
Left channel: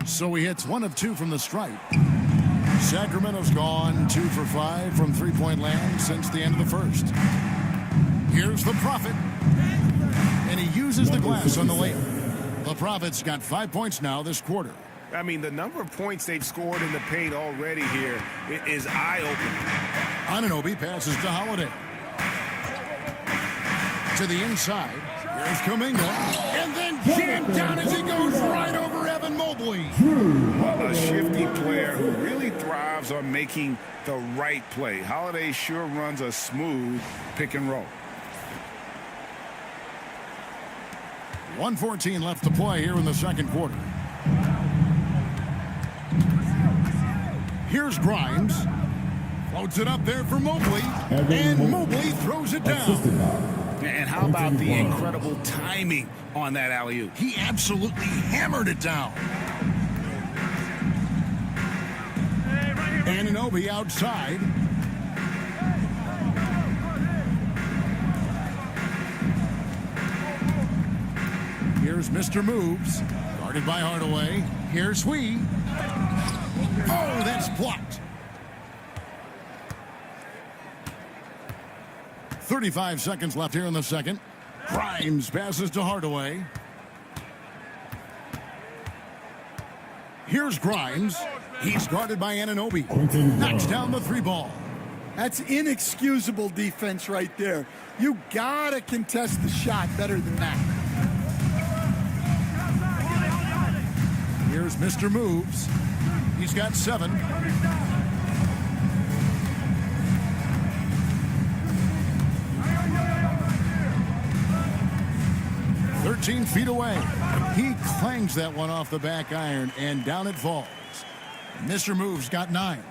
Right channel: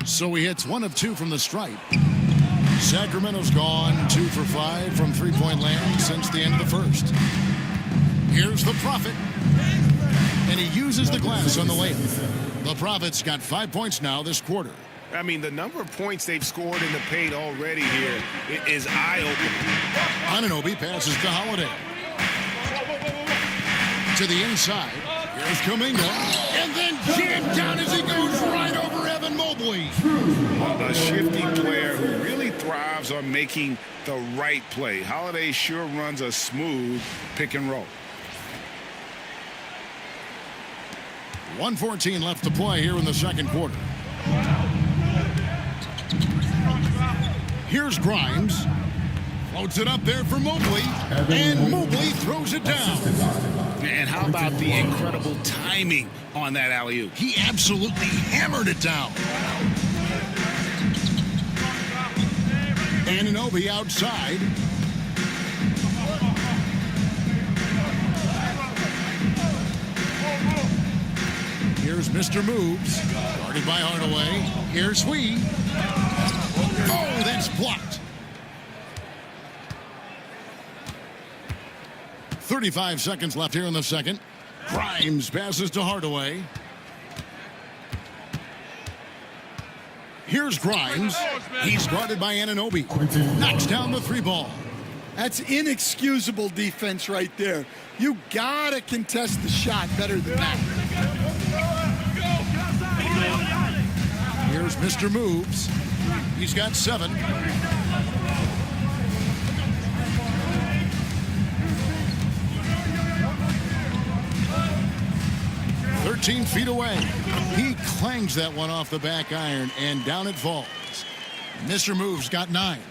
So he hits 1 of 2 from the stripe. Sacramento's gone 2 for 5 from three-point land since the end of the first. Here's the Prophet. And he uses the glass on the layup. The Prophet's got 5 points now this quarter. I mean, the number of points they've scored in the paint already here is eye-opening. Anunoby passes to Holiday. To the inside. Here's Kuminga. And then jammed down as he goes right over Evan Mobley. A shifty player who really thrives on making the right play. Holiday sure runs a smooth pick and roll. 1:14 left to play here in the second quarter. Here's Grimes. Floats it up there for Mobley. And Mobley throws it down. And how about the incredible timing on that alley-oop? He absolutely hammered it down. Anunoby outside. Here's Mr. Moves. Guarded by Hardaway. Here's Hui. Oh, that's blocked. 35 seconds left here in the second. Grimes passes to Hardaway. Here's Grimes. He's guarded by Anunoby. Knocks down the 3 ball. That's inexcusable defense right there. You gotta contest the shot better than that. Here's Mr. Moves. He's got 7. 13 feet away. He clangs that one off the back iron, and down it falls. Mr. Moves got 9.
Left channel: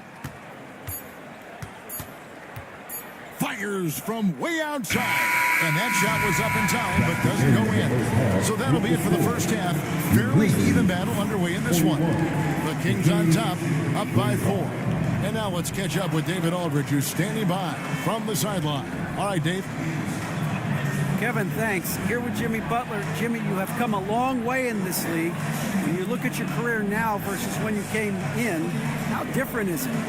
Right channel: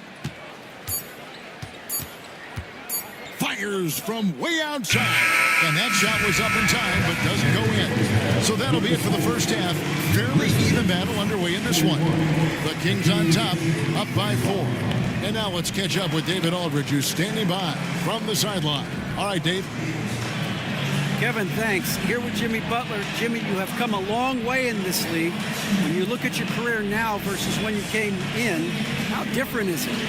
Fires from way outside. And that shot was up in time, but doesn't go in. So that'll be it for the first half. Fairly even battle underway in this one. The Kings on top, up by 4. And now let's catch up with David Aldridge, who's standing by from the sideline. All right, Dave. Kevin, thanks. Here with Jimmy Butler. Jimmy, you have come a long way in this league. When you look at your career now versus when you came in, how different is it? Much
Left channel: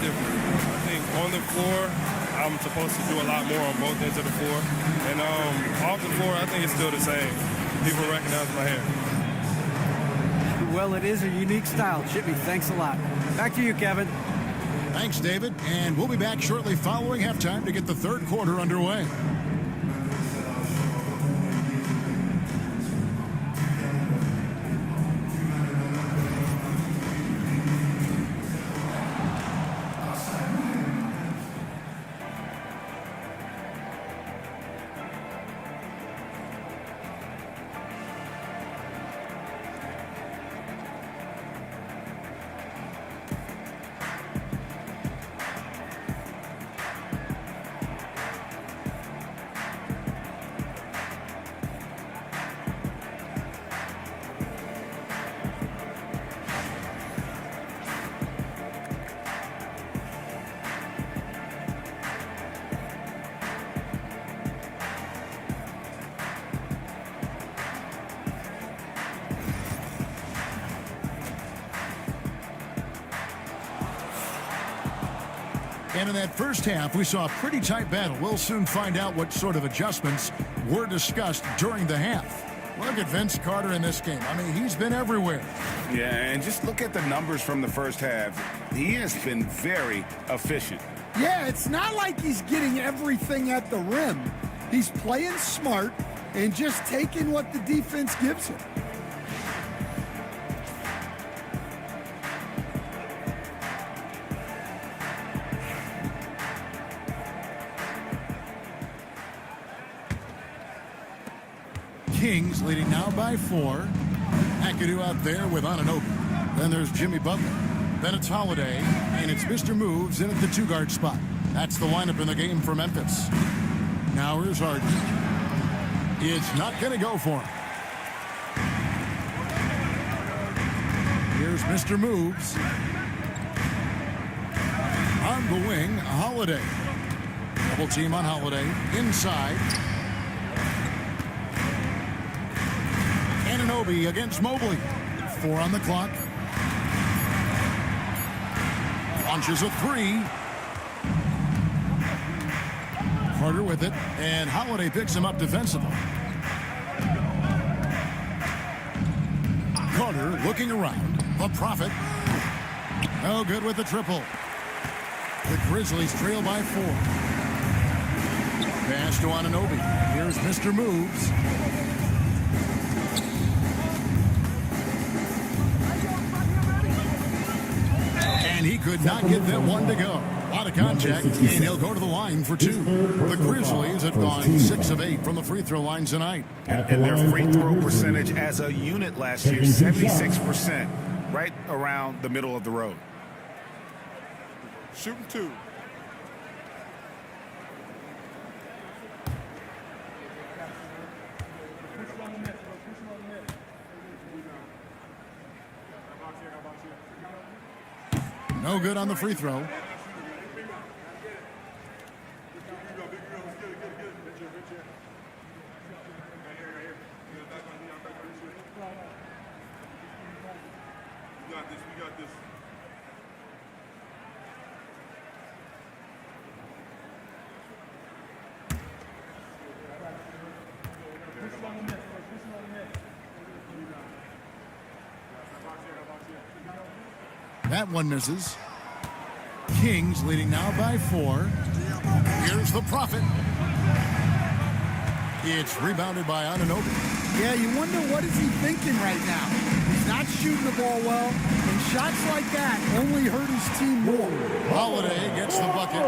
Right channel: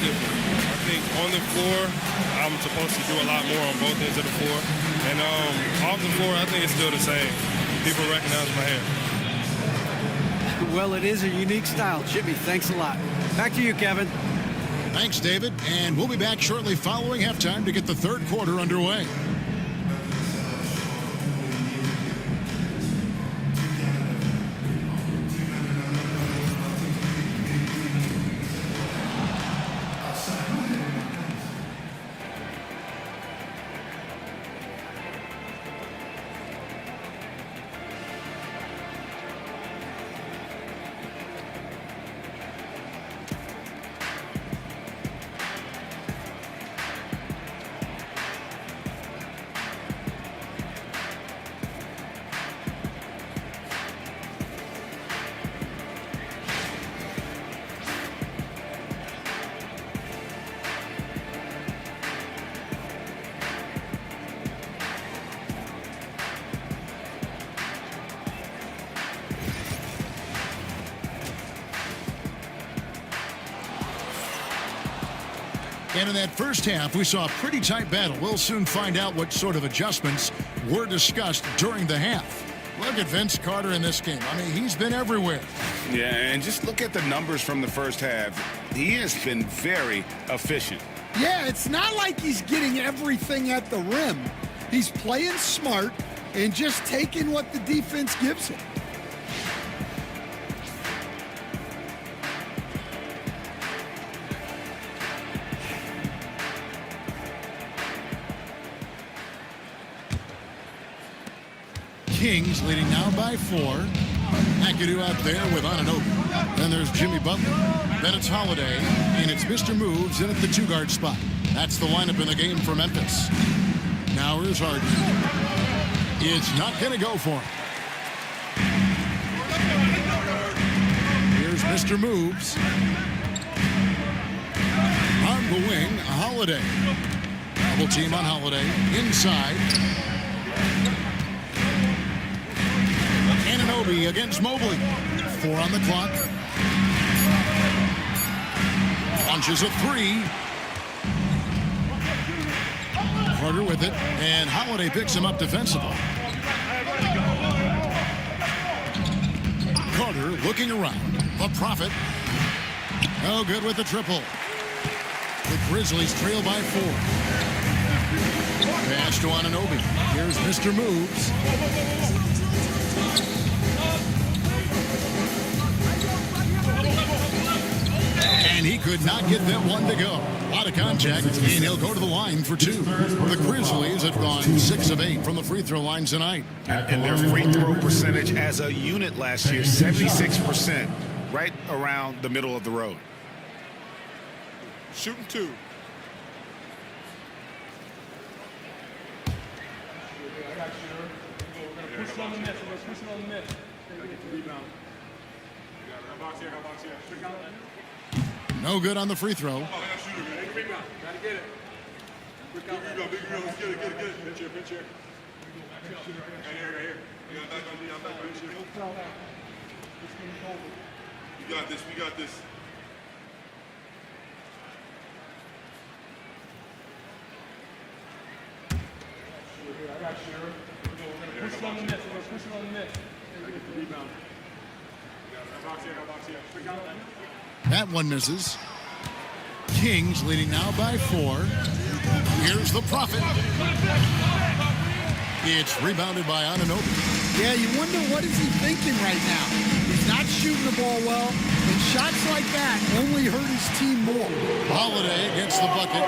different. I think on the floor, I'm supposed to do a lot more on both ends of the floor. And off the floor, I think it's still the same. People recognize my hair. Well, it is a unique style. Jimmy, thanks a lot. Back to you, Kevin. Thanks, David. And we'll be back shortly following halftime to get the third quarter underway. And in that first half, we saw a pretty tight battle. We'll soon find out what sort of adjustments were discussed during the half. Look at Vince Carter in this game. I mean, he's been everywhere. Yeah, and just look at the numbers from the first half. He has been very efficient. Yeah, it's not like he's getting everything at the rim. He's playing smart and just taking what the defense gives him. Kings leading now by 4. McAdoo out there with Anunoby. Then there's Jimmy Butler. Then it's Holiday, and it's Mr. Moves in at the 2-guard spot. That's the lineup in the game for Memphis. Now here's Harden. It's not going to go for him. Here's Mr. Moves. On the wing, Holiday. Double team on Holiday. Inside. Anunoby against Mobley. 4 on the clock. Launches a 3. Carter with it, and Holiday picks him up defensively. Carter looking around. The Prophet. No good with the triple. The Grizzlies trail by 4. Pass to Anunoby. Here's Mr. Moves. And he could not get that one to go. A lot of contact, and he'll go to the line for 2. The Grizzlies have gone 6 of 8 from the free throw line tonight. And their free throw percentage as a unit last year, 76%, right around the middle of the road. Shooting 2. No good on the free throw. We got this. We got this. I got you. We're going to push it on the net. We're going to push it on the net. Rebound. Box here. That one misses. Kings leading now by 4. Here's the Prophet. It's rebounded by Anunoby. Yeah, you wonder what is he thinking right now. He's not shooting the ball well, and shots like that only hurt his team more. Holiday gets the bucket.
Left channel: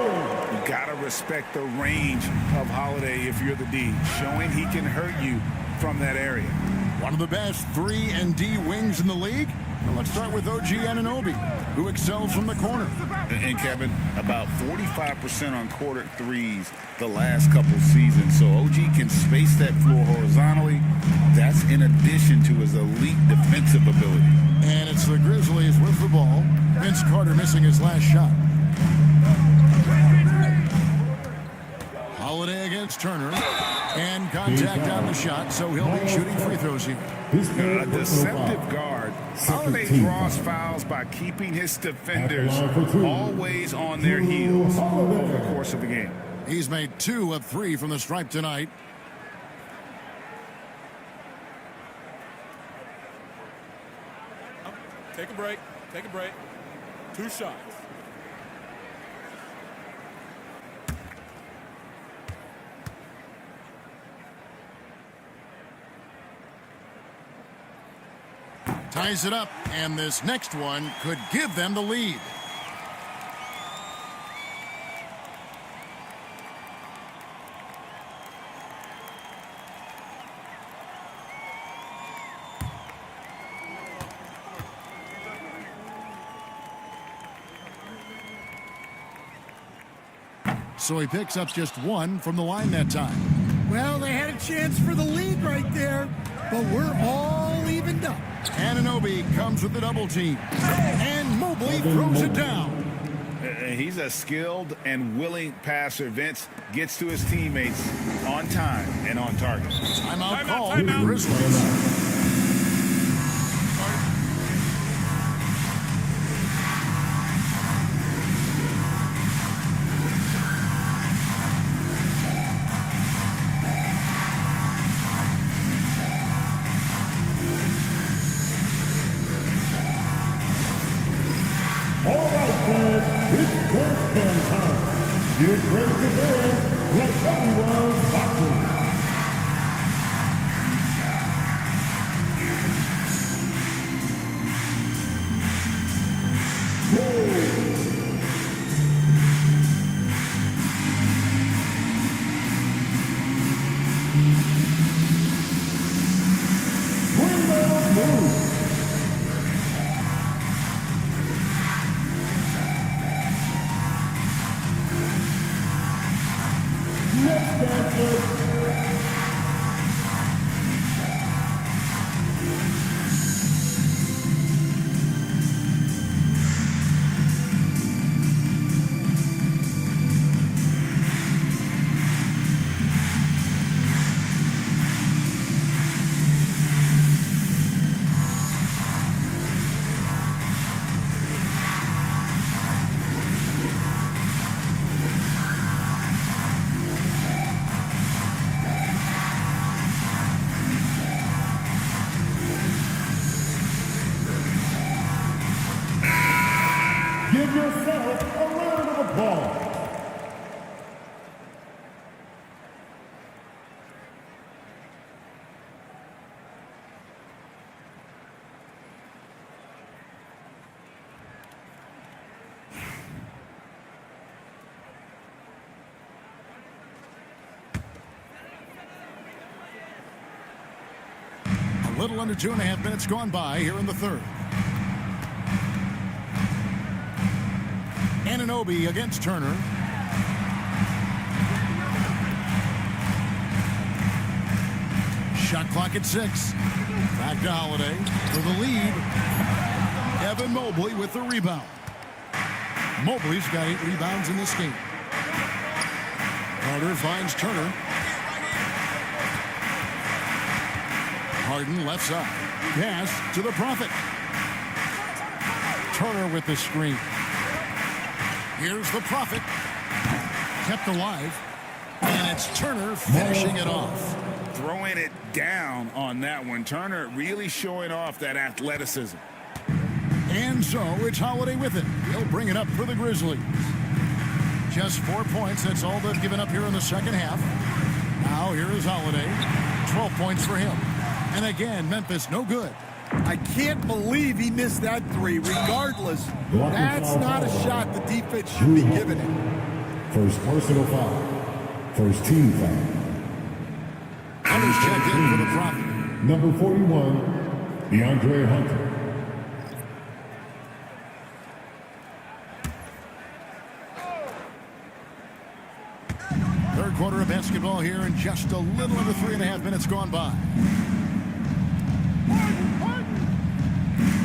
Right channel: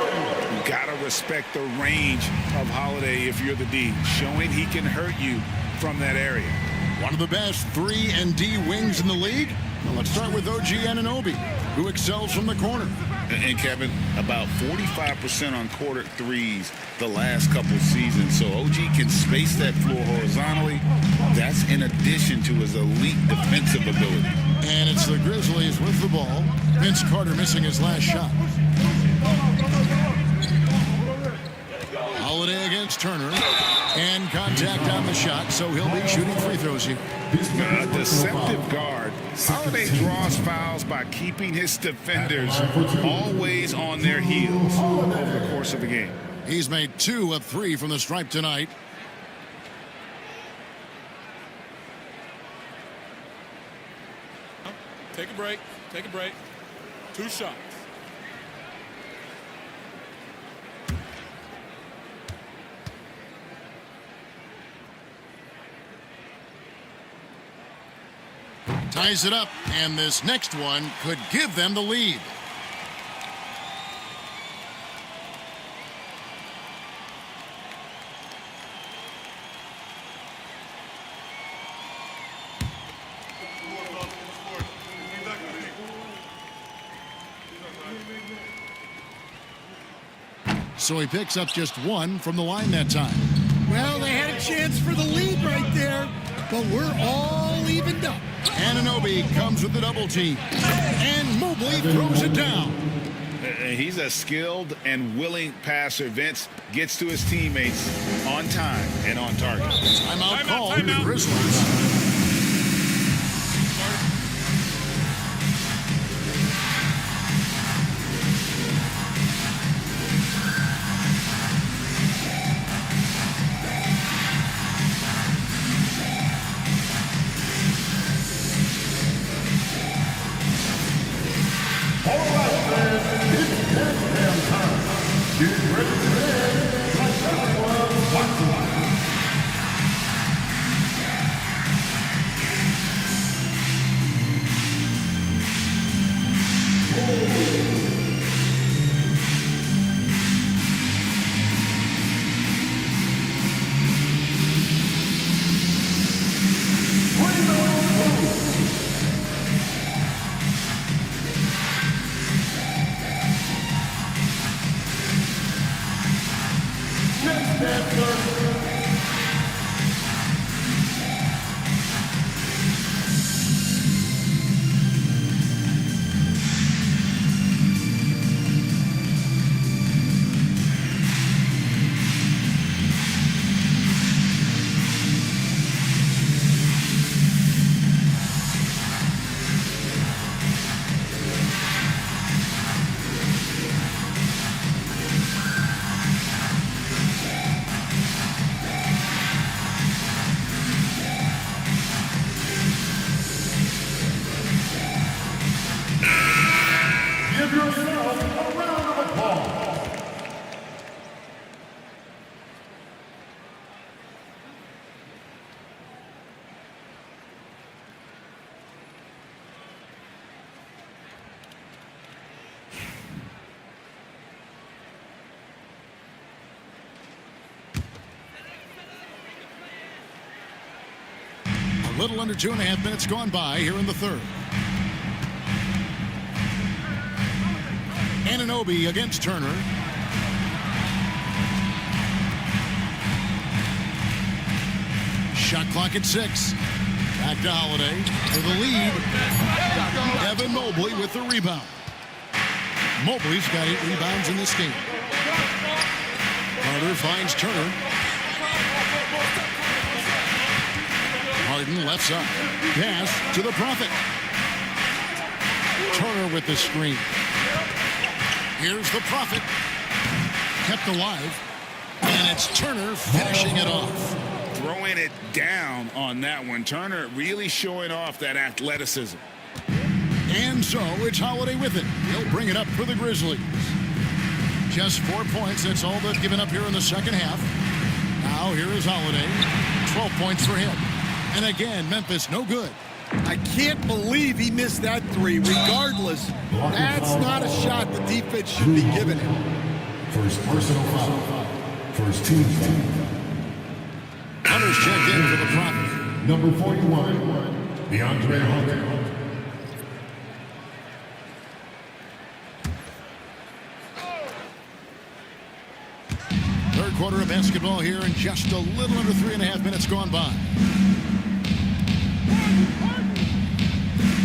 You gotta respect the range of Holiday if you're the D, showing he can hurt you from that area. One of the best 3 and D wings in the league. Well, let's start with OG Anunoby, who excels from the corner. And Kevin, about 45% on quarter threes the last couple seasons. So OG can space that floor horizontally. That's in addition to his elite defensive ability. And it's the Grizzlies with the ball. Vince Carter missing his last shot. Holiday against Turner. And contact on the shot, so he'll be shooting free throws here. A deceptive guard. Holiday draws fouls by keeping his defenders always on their heels over the course of the game. He's made 2 of 3 from the stripe tonight. Take a break. Take a break. 2 shots. Ties it up, and this next one could give them the lead. So he picks up just 1 from the line that time. Well, they had a chance for the lead right there, but we're all evened up. Anunoby comes with the double team, and Mobley throws it down. He's a skilled and willing passer. Vince gets to his teammates on time and on target. Timeout called the Grizzlies. All right, fans, it's dance cam time. Get ready to dance like everyone's watching. Give yourself a round of applause. A little under 2.5 minutes gone by here in the third. Anunoby against Turner. Shot clock at 6. Back to Holiday for the lead. Evan Mobley with the rebound. Mobley's got 8 rebounds in this game. Carter finds Turner. Harden left side. Pass to the Prophet. Turner with the screen. Here's the Prophet. Kept alive. And it's Turner finishing it off. Throwing it down on that one. Turner really showing off that athleticism. And so it's Holiday with it. He'll bring it up for the Grizzlies. Just 4 points. That's all they've given up here in the second half. Now here is Holiday. 12 points for him. And again, Memphis no good. I can't believe he missed that 3. Regardless, that's not a shot the defense should be giving him. First personal foul. First team foul. Hunter's checked in for the Prophet. Number 41, DeAndre Hunter. Third quarter of basketball here, and just a little under 3.5 minutes gone by.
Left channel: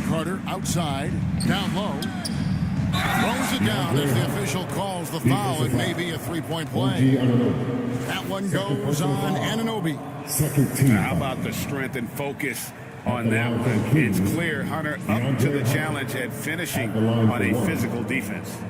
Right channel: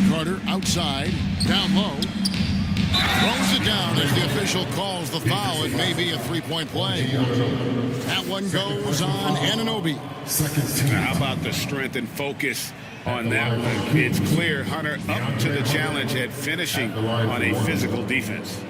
Carter outside, down low. Throws it down as the official calls the foul. It may be a three-point play. That one goes on Anunoby. Second team. How about the strength and focus on that one? It's clear Hunter up to the challenge at finishing on a physical defense.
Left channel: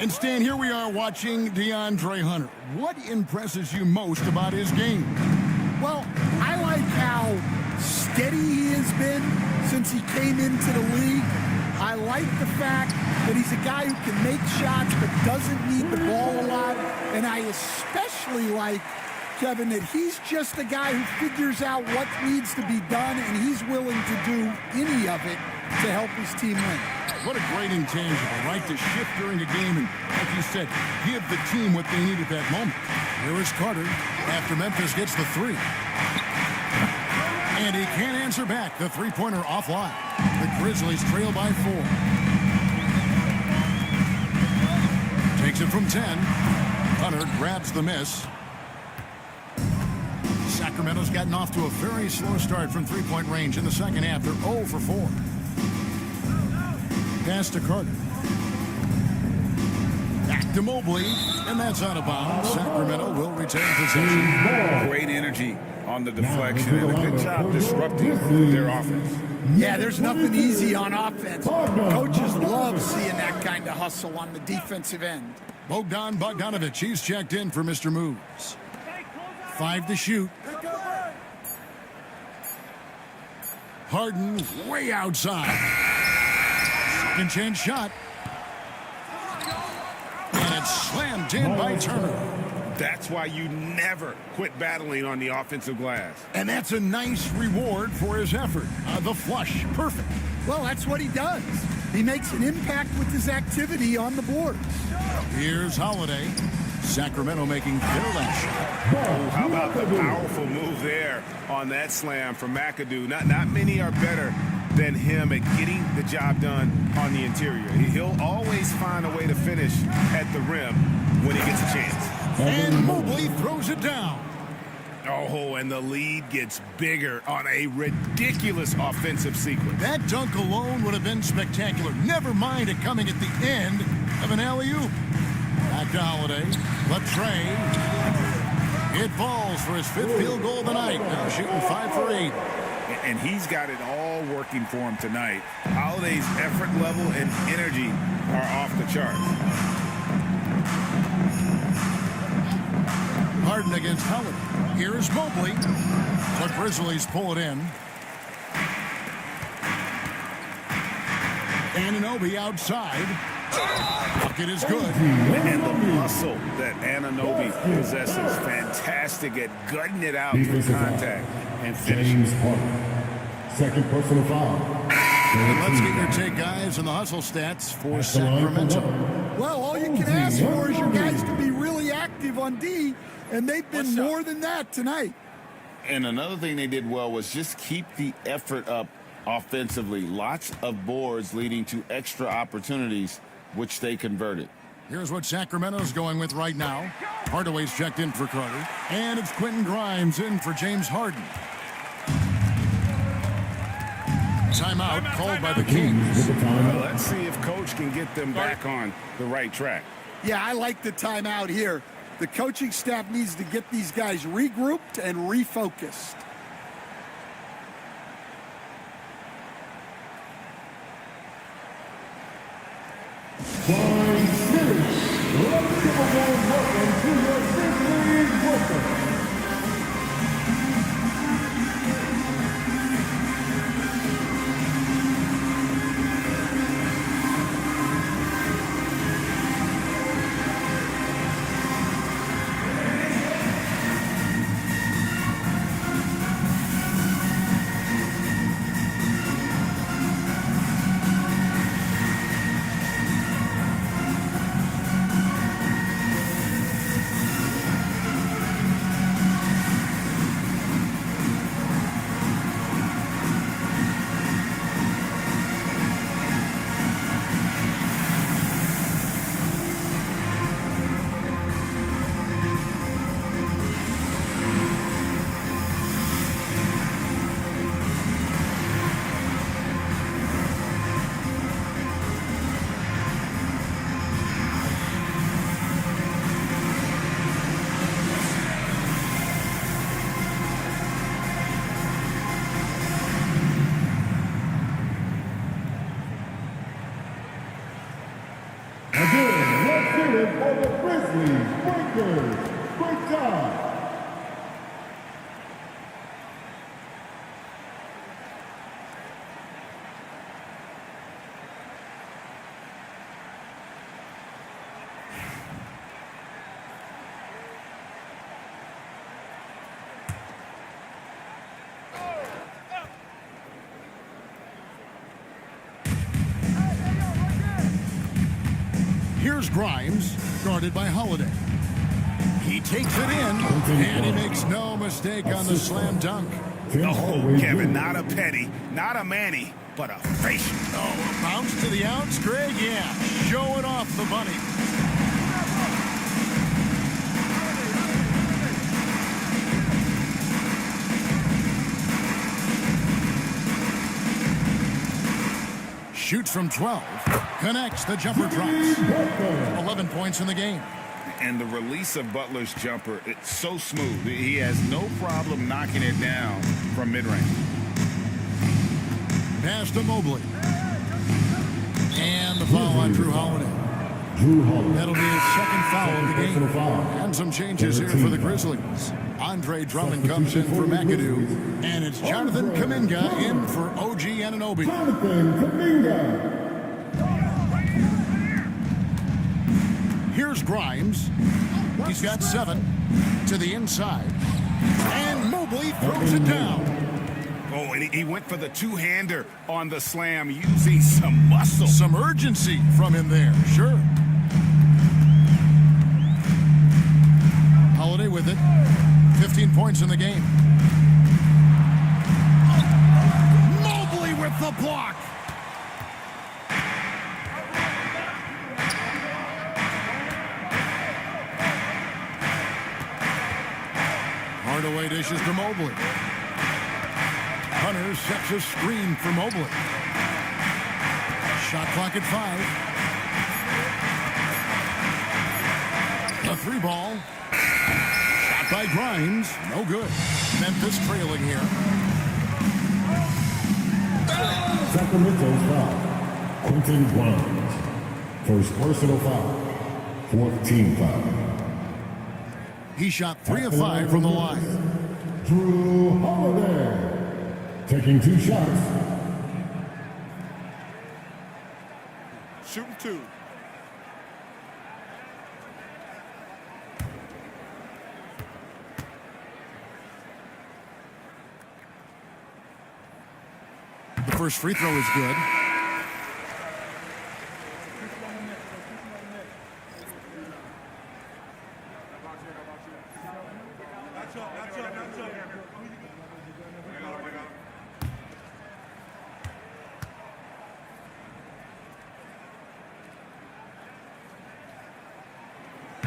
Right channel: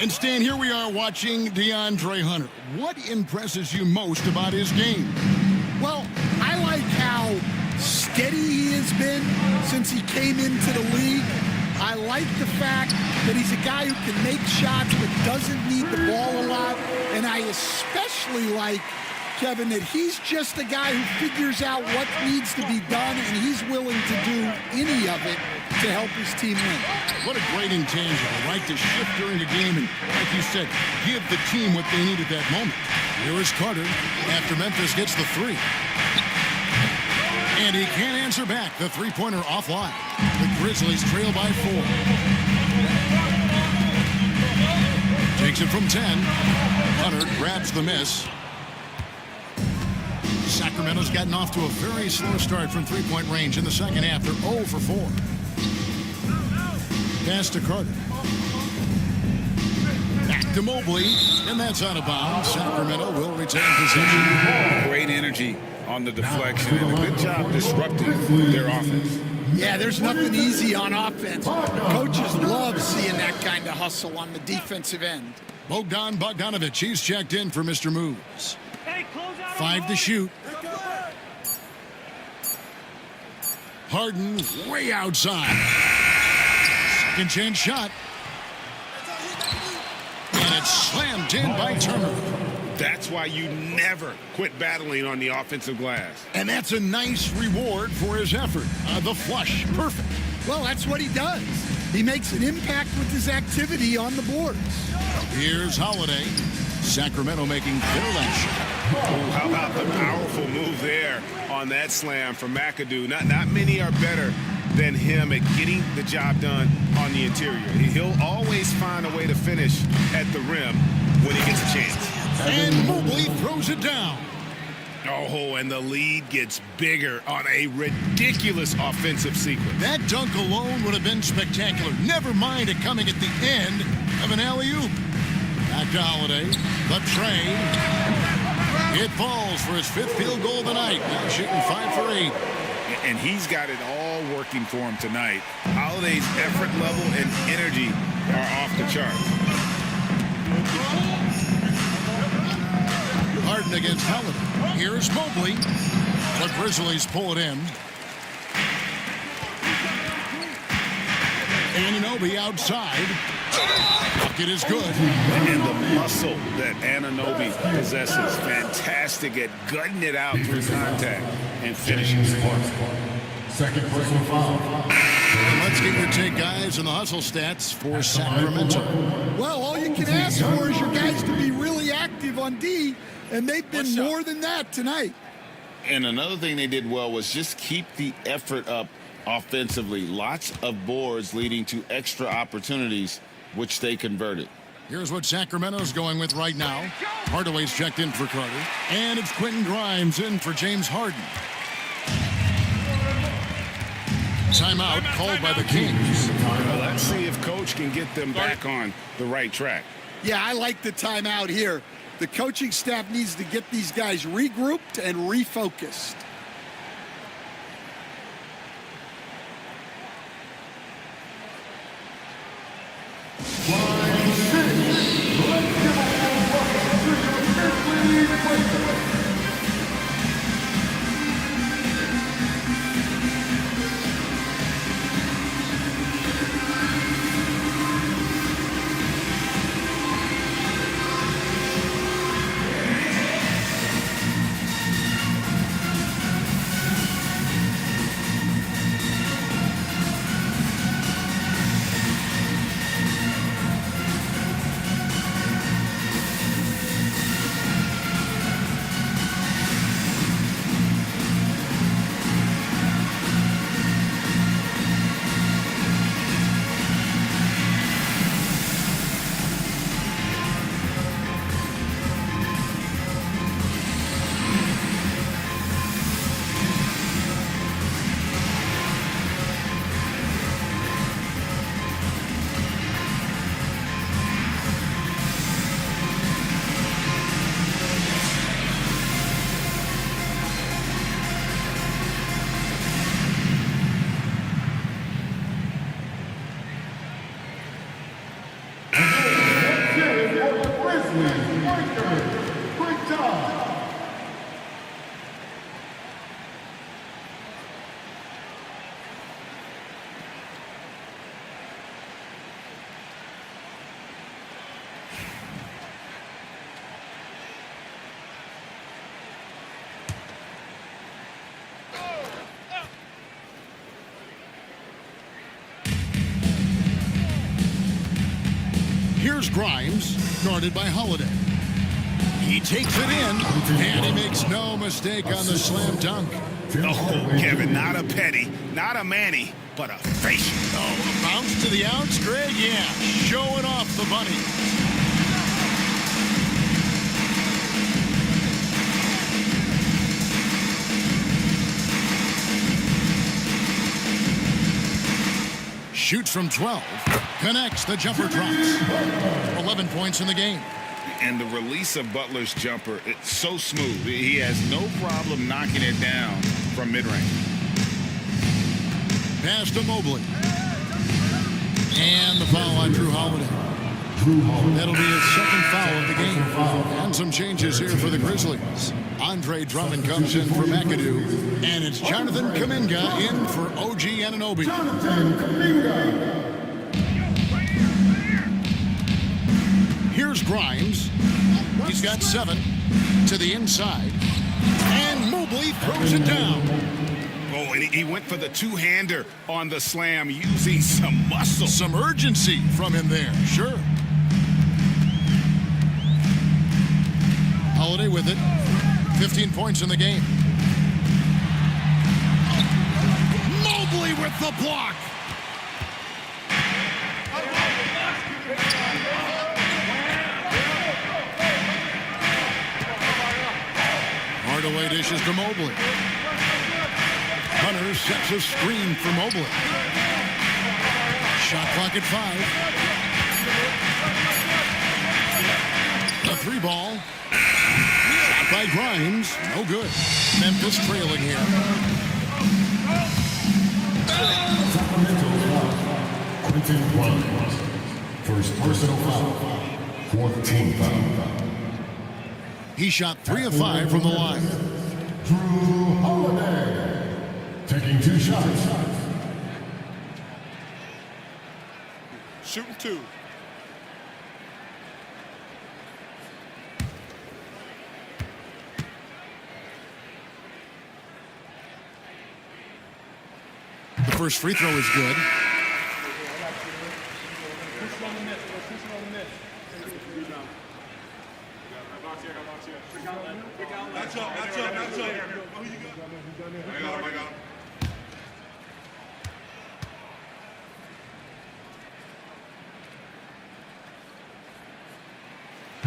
And Stan, here we are watching DeAndre Hunter. What impresses you most about his game? Well, I like how steady he has been since he came into the league. I like the fact that he's a guy who can make shots but doesn't need the ball a lot. And I especially like, Kevin, that he's just a guy who figures out what needs to be done, and he's willing to do any of it to help his team win. What a great intangible, right? To shift during a game and, like you said, give the team what they need at that moment. Here is Carter after Memphis gets the 3. And he can't answer back. The three-pointer offline. The Grizzlies trail by 4. Takes it from 10. Hunter grabs the miss. Sacramento's gotten off to a very slow start from three-point range in the second half. They're 0 for 4. Pass to Carter. Back to Mobley, and that's out of bounds. Sacramento will retain possession. Great energy on the deflection and a good job disrupting their offense. Yeah, there's nothing easy on offense. Coaches love seeing that kind of hustle on the defensive end. Bogdan Bogdanovic, he's checked in for Mr. Moves. 5 to shoot. Harden way outside. Second chance shot. And it's slammed in by Turner. That's why you never quit battling on the offensive glass. And that's a nice reward for his effort. The flush, perfect. Well, that's what he does. He makes an impact with his activity on the boards. Here's Holiday. Sacramento making their last shot. Oh, how about the powerful move there on that slam from McAdoo? Not many are better than him at getting the job done on the interior. He'll always find a way to finish at the rim when he gets a chance. And Mobley throws it down. Oh, and the lead gets bigger on a ridiculous offensive sequence. That dunk alone would have been spectacular. Never mind it coming at the end of an alley-oop. Back to Holiday. The tray. It falls for his 5th field goal of the night. Now shooting 5 for 8. and he's got it all working for him tonight. Holiday's effort level and energy are off the charts. Harden against Holiday. Here's Mobley. The Grizzlies pull it in. Anunoby outside. Bucket is good. And the muscle that Anunoby possesses, fantastic at gutting it out through contact and finishing. Second personal foul. And let's get your take, guys, on the hustle stats for Sacramento. Well, all you can ask for is your guys to be really active on D, and they've been more than that tonight. And another thing they did well was just keep the effort up offensively. Lots of boards leading to extra opportunities, which they converted. Here's what Sacramento's going with right now. Hardaway's checked in for Carter. And it's Quentin Grimes in for James Harden. Timeout called by the Kings. Well, let's see if Coach can get them back on the right track. Yeah, I like the timeout here. The coaching staff needs to get these guys regrouped and refocused. Let's give a warm welcome to your Grizzlies playbook. Great job. Here's Grimes, guarded by Holiday. He takes it in, and he makes no mistake on the slam dunk. Oh, Kevin, not a petty, not a Manny, but a facial. Oh, a bounce to the outs, Greg, yeah, showing off the bunny. Shoots from 12, connects, the jumper drops. 11 points in the game. And the release of Butler's jumper, it's so smooth. He has no problem knocking it down from mid-range. Pass to Mobley. And the foul on Drew Holiday. That'll be his second foul of the game. And some changes here for the Grizzlies. Andre Drummond comes in for McAdoo. And it's Jonathan Kuminga in for OG Anunoby. Jonathan Kuminga. Here's Grimes. He's got 7 to the inside. And Mobley throws it down. Oh, and he went for the two-hander on the slam, using some muscle. Some urgency from him there, sure. Holiday with it. 15 points in the game. Mobley with the block. Hardaway dishes to Mobley. Hunter sets a screen for Mobley. Shot clock at 5. A 3-ball. Shot by Grimes. No good. Memphis trailing here. Sacramento's foul. Quentin Grimes. First personal foul. Fourth team foul. He shot 3 of 5 from the line. Drew Holiday. Taking 2 shots. Shooting 2. The first free throw is good.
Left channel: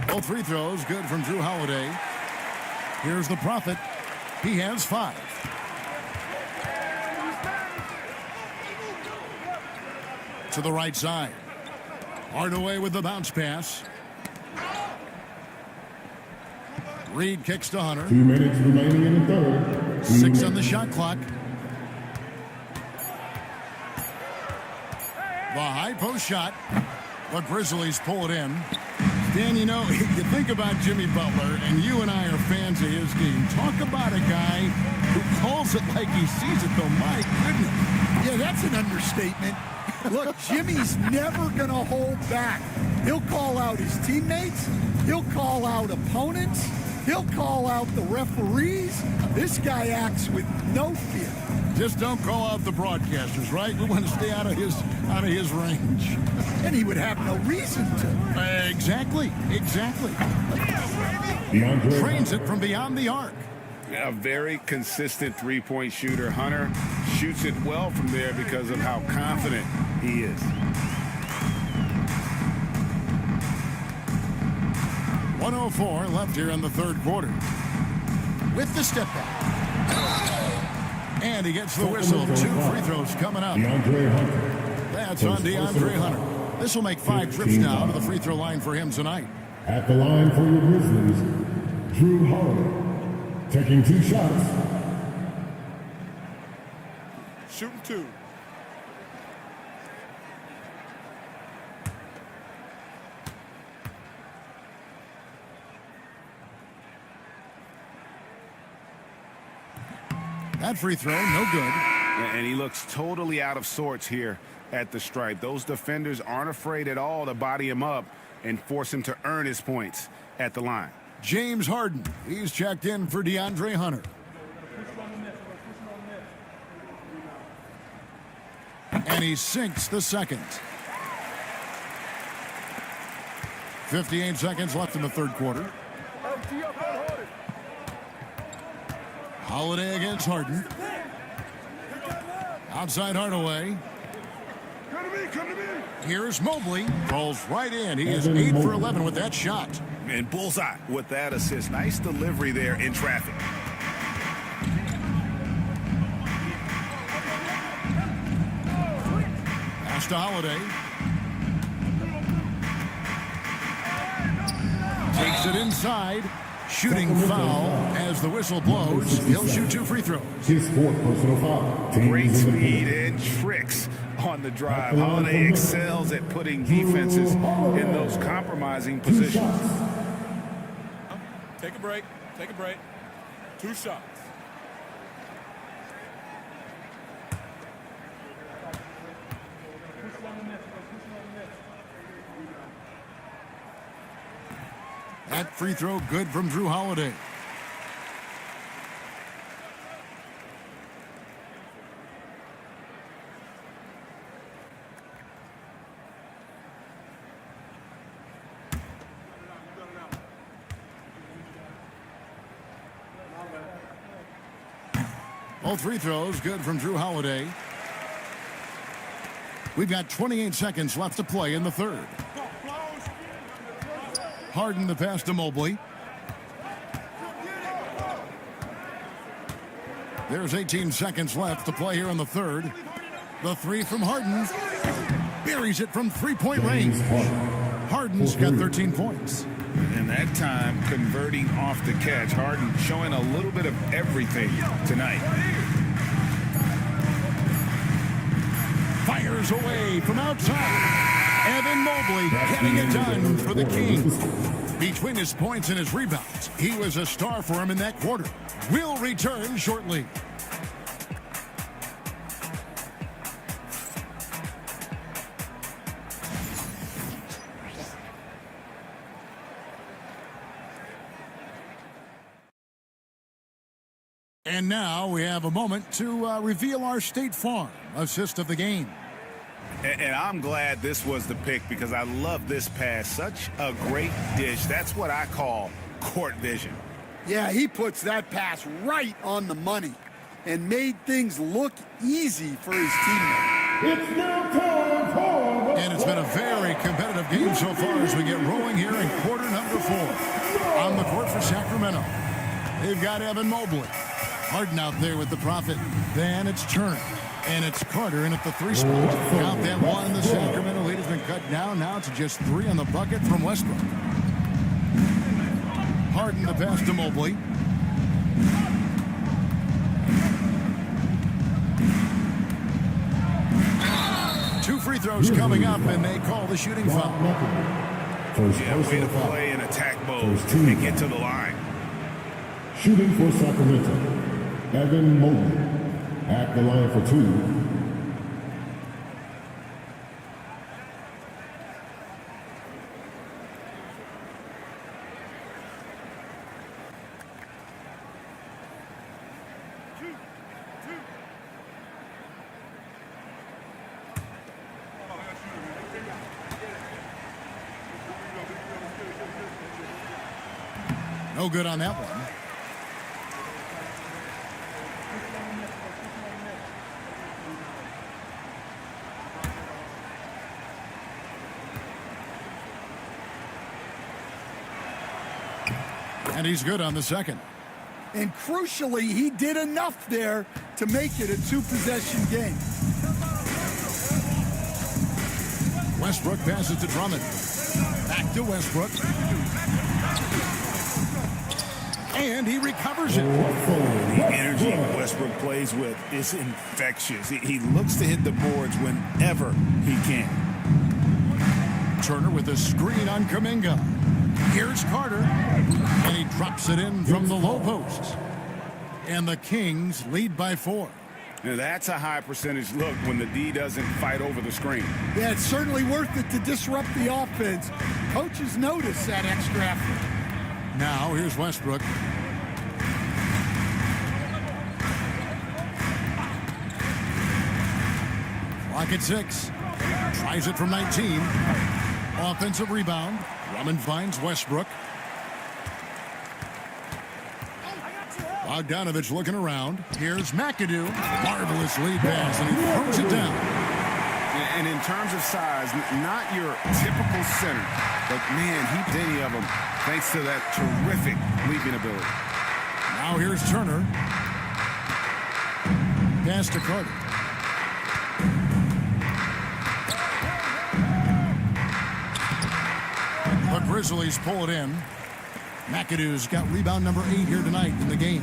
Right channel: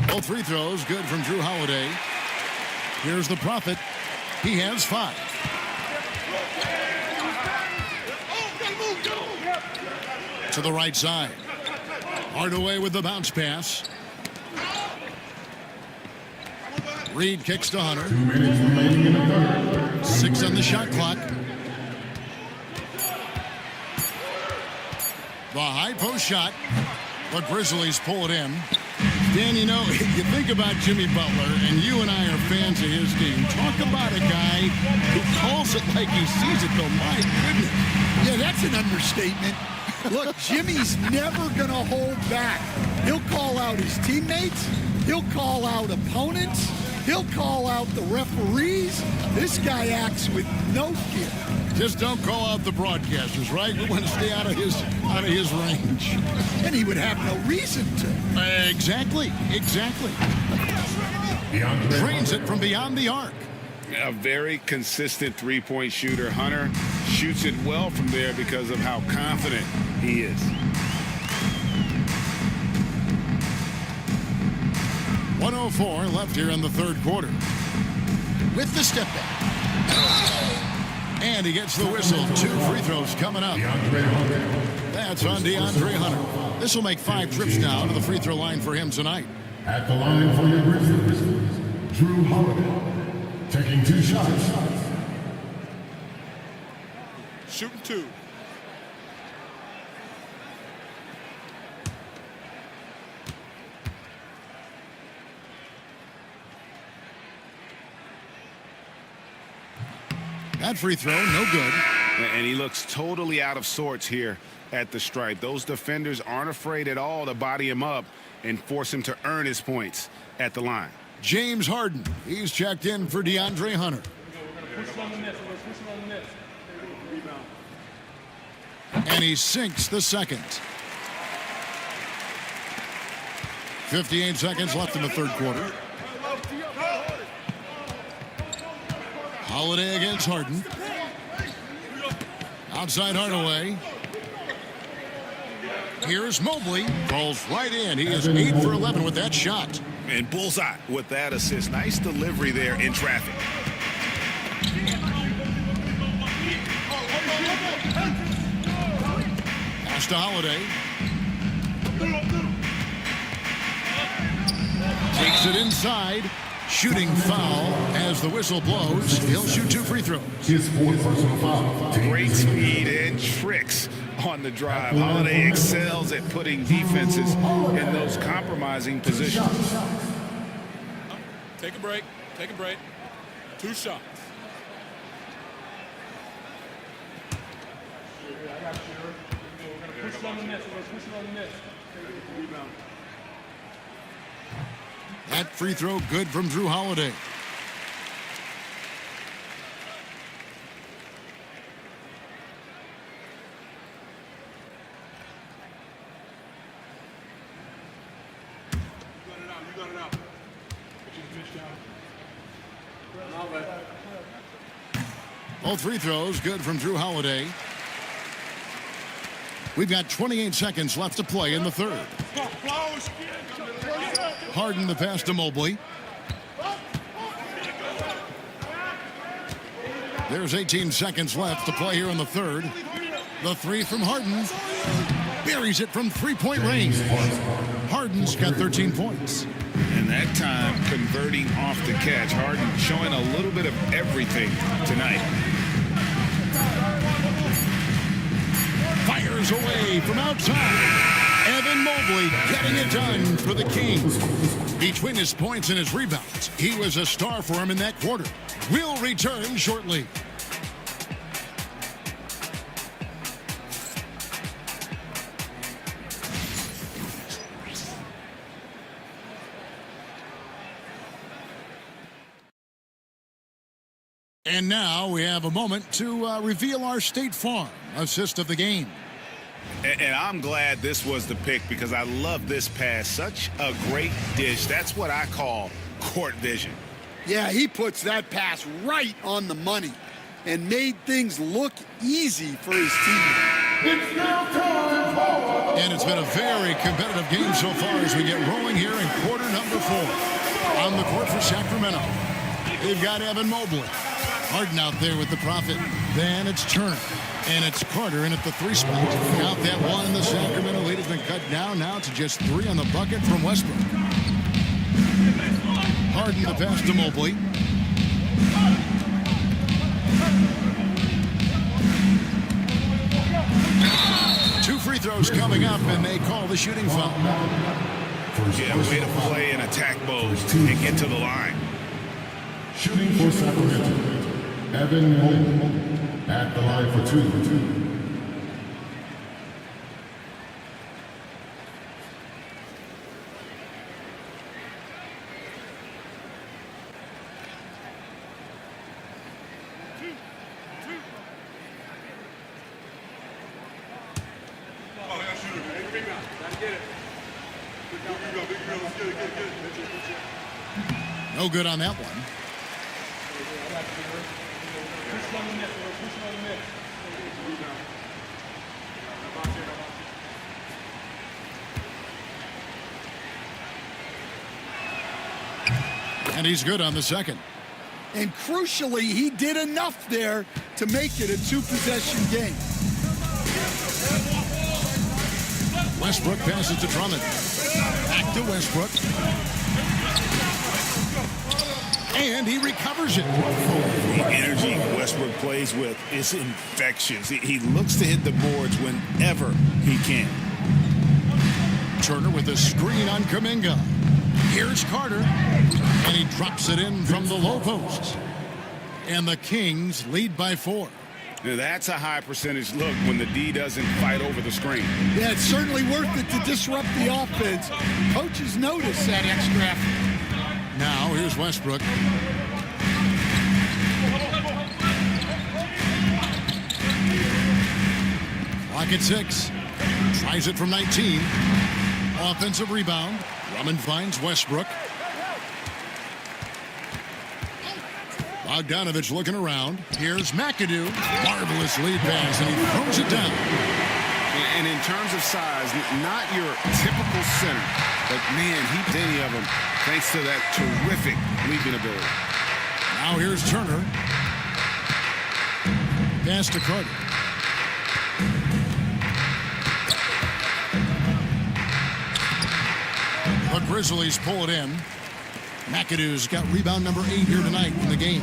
Both free throws good from Drew Holiday. Here's the Prophet. He has 5. To the right side. Hardaway with the bounce pass. Reed kicks to Hunter. 2 minutes remaining in the third. 6 on the shot clock. The high post shot. The Grizzlies pull it in. Dan, you know, you think about Jimmy Butler, and you and I are fans of his game. Talk about a guy who calls it like he sees it, though. My goodness. Yeah, that's an understatement. Look, Jimmy's never going to hold back. He'll call out his teammates. He'll call out opponents. He'll call out the referees. This guy acts with no fear. Just don't call out the broadcasters, right? We want to stay out of his range. And he would have no reason to. Exactly. Trains it from beyond the arc. A very consistent three-point shooter. Hunter shoots it well from there because of how confident he is. .104 left here in the third quarter. With the step back. And he gets the whistle. 2 free throws coming up. DeAndre Hunter. That's on DeAndre Hunter. This will make 5 trips now to the free throw line for him tonight. At the line for your Grizzlies, Drew Holiday. Taking 2 shots. Shooting 2. That free throw, no good. And he looks totally out of sorts here at the stripe. Those defenders aren't afraid at all to body him up and force him to earn his points at the line. James Harden, he's checked in for DeAndre Hunter. And he sinks the second. 58 seconds left in the third quarter. Holiday against Harden. Outside Hardaway. Here's Mobley. Falls right in. He is 8 for 11 with that shot. And bullseye with that assist. Nice delivery there in traffic. Pass to Holiday. Takes it inside. Shooting foul as the whistle blows. He'll shoot 2 free throws. His 4th personal foul. Great speed and tricks on the drive. Holiday excels at putting defenses in those compromising positions. Take a break. 2 shots. That free throw good from Drew Holiday. Both free throws good from Drew Holiday. We've got 28 seconds left to play in the third. Harden the pass to Mobley. There's 18 seconds left to play here in the third. The 3 from Harden. Buries it from 3-point range. Harden's got 13 points. And that time converting off the catch. Harden showing a little bit of everything tonight. Fires away from outside. Evan Mobley getting it done for the Kings. Between his points and his rebounds, he was a star for him in that quarter. Will return shortly. And now we have a moment to reveal our State Farm assist of the game. And I'm glad this was the pick because I love this pass. Such a great dish. That's what I call court vision. Yeah, he puts that pass right on the money and made things look easy for his teammate. It's now time for the... And it's been a very competitive game so far as we get rolling here in quarter number 4. On the court for Sacramento, they've got Evan Mobley. Harden out there with the Prophet. Then it's Turner. And it's Carter in at the 3 spot. Count that one. The Sacramento lead has been cut down now to just 3 on the bucket from Westbrook. Harden the pass to Mobley. Two free throws coming up, and they call the shooting foul. Yeah, way to play in attack mode and get to the line. Shooting for Sacramento, Evan Mobley at the line for 2. No good on that one. And he's good on the second. And crucially, he did enough there to make it a 2-possession game. Westbrook passes to Drummond. Back to Westbrook. And he recovers it. The energy Westbrook plays with is infectious. He looks to hit the boards whenever he can. Turner with a screen on Kuminga. Here's Carter. And he drops it in from the low post. And the Kings lead by 4. Now that's a high percentage look when the D doesn't fight over the screen. Yeah, it's certainly worth it to disrupt the offense. Coaches notice that extra effort. Now here's Westbrook. Clock at 6. Tries it from 19. Offensive rebound. Drummond finds Westbrook. Bogdanovich looking around. Here's McAdoo. Marvelous lead pass, and he throws it down. And in terms of size, not your typical center, but man, he beat any of them thanks to that terrific leaping ability. Now here's Turner. Pass to Carter. The Grizzlies pull it in. McAdoo's got rebound number 8 here tonight in the game.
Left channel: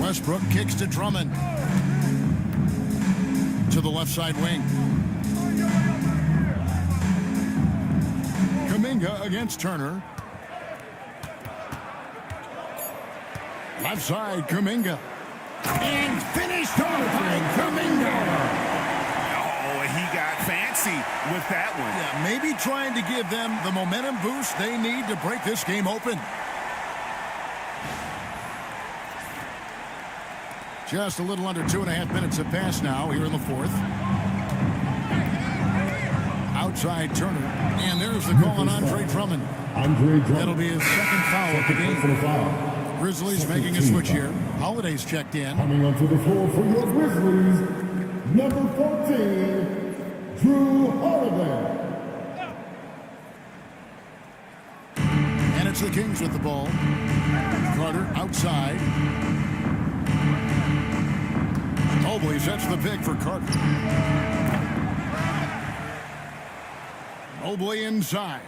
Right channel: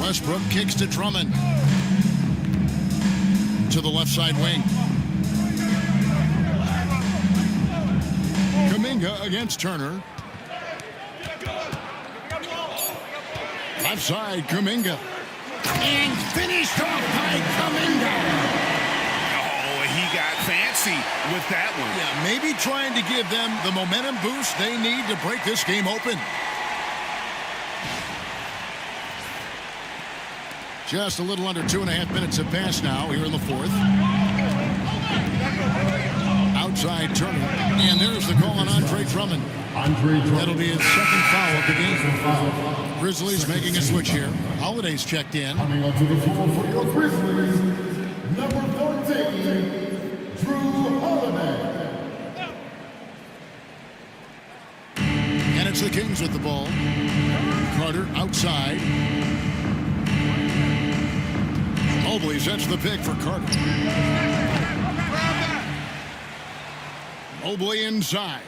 Westbrook kicks to Drummond. To the left side wing. Kuminga against Turner. Left side, Kuminga. And finished off by Kuminga. Oh, he got fancy with that one. Yeah, maybe trying to give them the momentum boost they need to break this game open. Just a little under 2.5 minutes have passed now here in the 4th. Outside Turner. And there's the call on Andre Drummond. That'll be his second foul of the game. Grizzlies making a switch here. Holiday's checked in. Coming onto the floor for your Grizzlies, number 14, Drew Holiday. And it's the Kings with the ball. Carter outside. Mobley sets the pick for Carter. Mobley inside.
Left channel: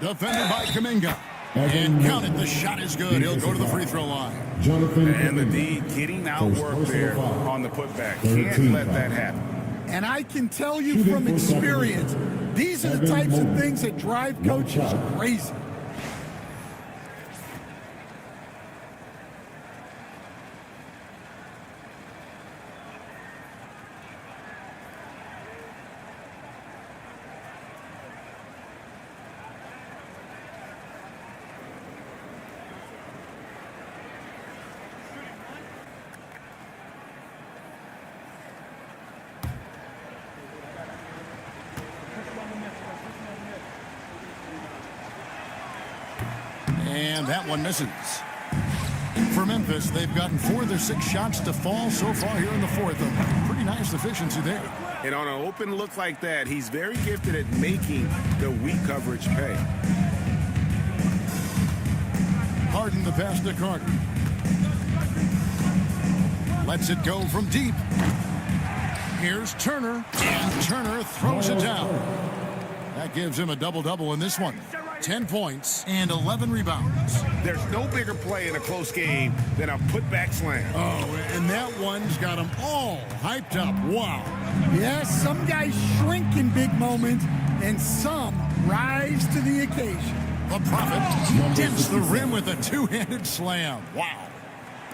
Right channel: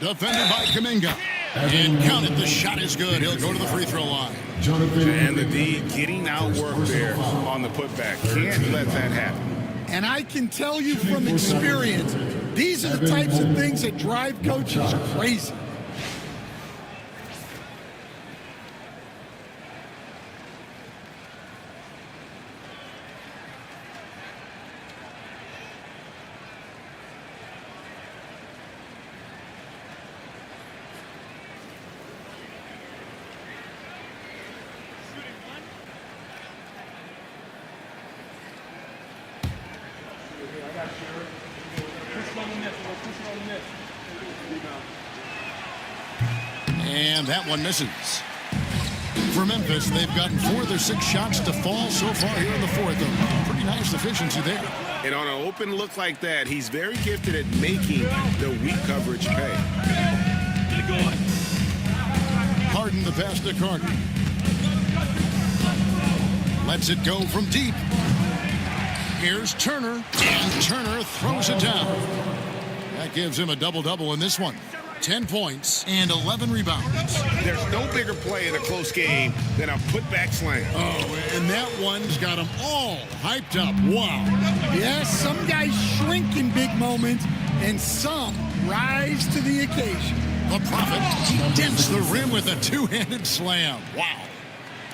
Defended by Kuminga. And count it, the shot is good. He'll go to the free throw line. And the D getting outworked there on the putback. Can't let that happen. And I can tell you from experience, these are the types of things that drive coaches crazy. And that one misses. For Memphis, they've gotten 4 of their 6 shots to fall so far here in the fourth. A pretty nice efficiency there. And on an open look like that, he's very gifted at making the weak coverage pay. Harden the pass to Carter. Lets it go from deep. Here's Turner, and Turner throws it down. That gives him a double-double in this one. 10 points and 11 rebounds. There's no bigger play in a close game than a putback slam. Oh, and that one's got them all hyped up. Wow. Yes, some guys shrink in big moments, and some rise to the occasion. The Prophet, he dents the rim with a two-handed slam. Wow.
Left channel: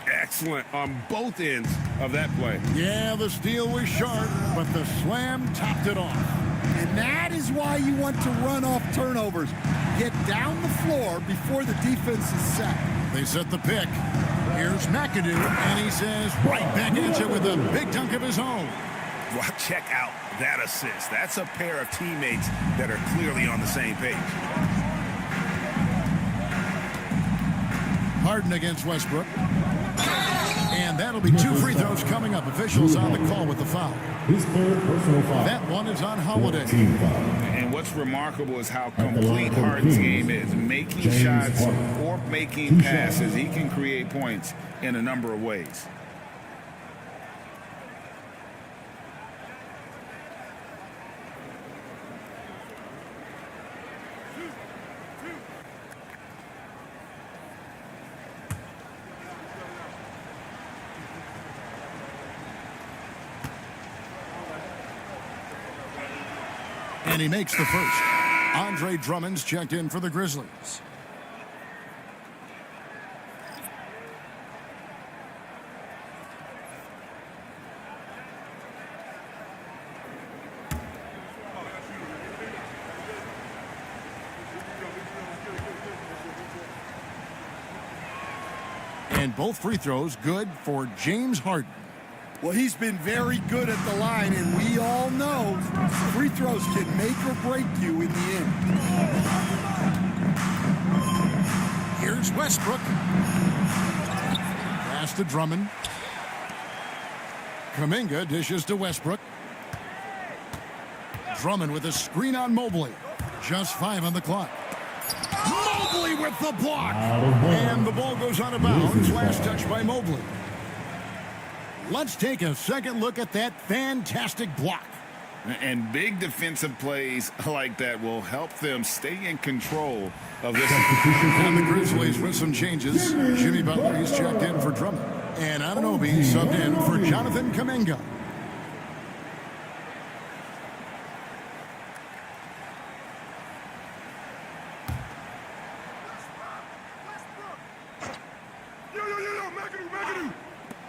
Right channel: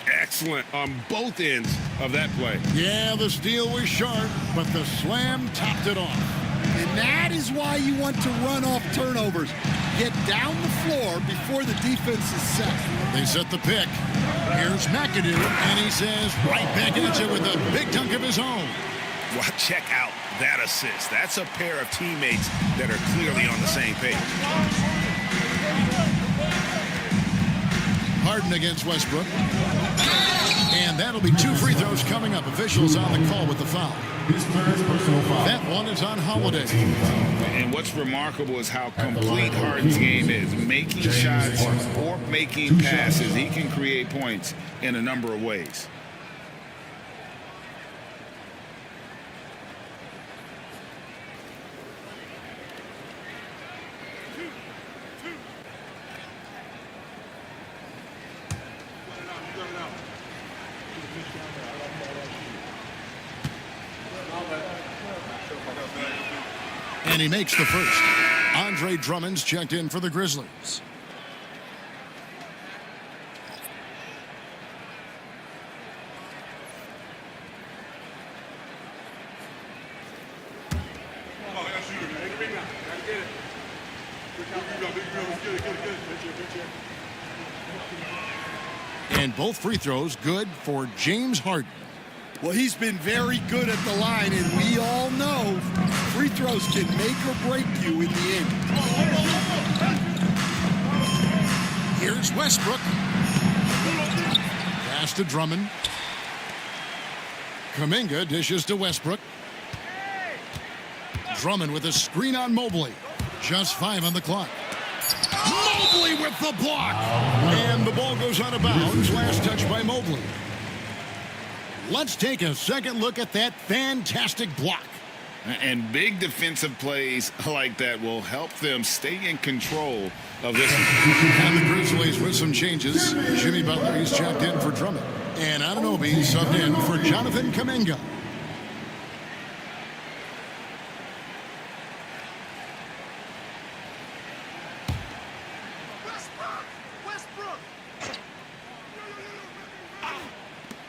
Excellent on both ends of that play. Yeah, the steal was sharp, but the slam topped it off. And that is why you want to run off turnovers. Get down the floor before the defense is set. They set the pick. Here's McAdoo, and he says right back at you with a big dunk of his own. Well, check out that assist. That's a pair of teammates that are clearly on the same page. Harden against Westbrook. And that'll be 2 free throws coming up. Officials on the call with the foul. His first personal foul. That one is on Holiday. Team foul. And what's remarkable is how complete Harden's game is. Making shots or making passes, he can create points in a number of ways. And he makes the first. Andre Drummond's checked in for the Grizzlies. And both free throws good for James Harden. Well, he's been very good at the line, and we all know free throws can make or break you in the end. Here's Westbrook. Pass to Drummond. Kuminga dishes to Westbrook. Drummond with a screen on Mobley. Just 5 on the clock. Mobley with the block. And the ball goes out of bounds. Last touch by Mobley. Let's take a second look at that fantastic block. And big defensive plays like that will help them stay in control of this. And the Grizzlies with some changes. Jimmy Butler, he's checked in for Drummond. And Anunoby subbed in for Jonathan Kuminga.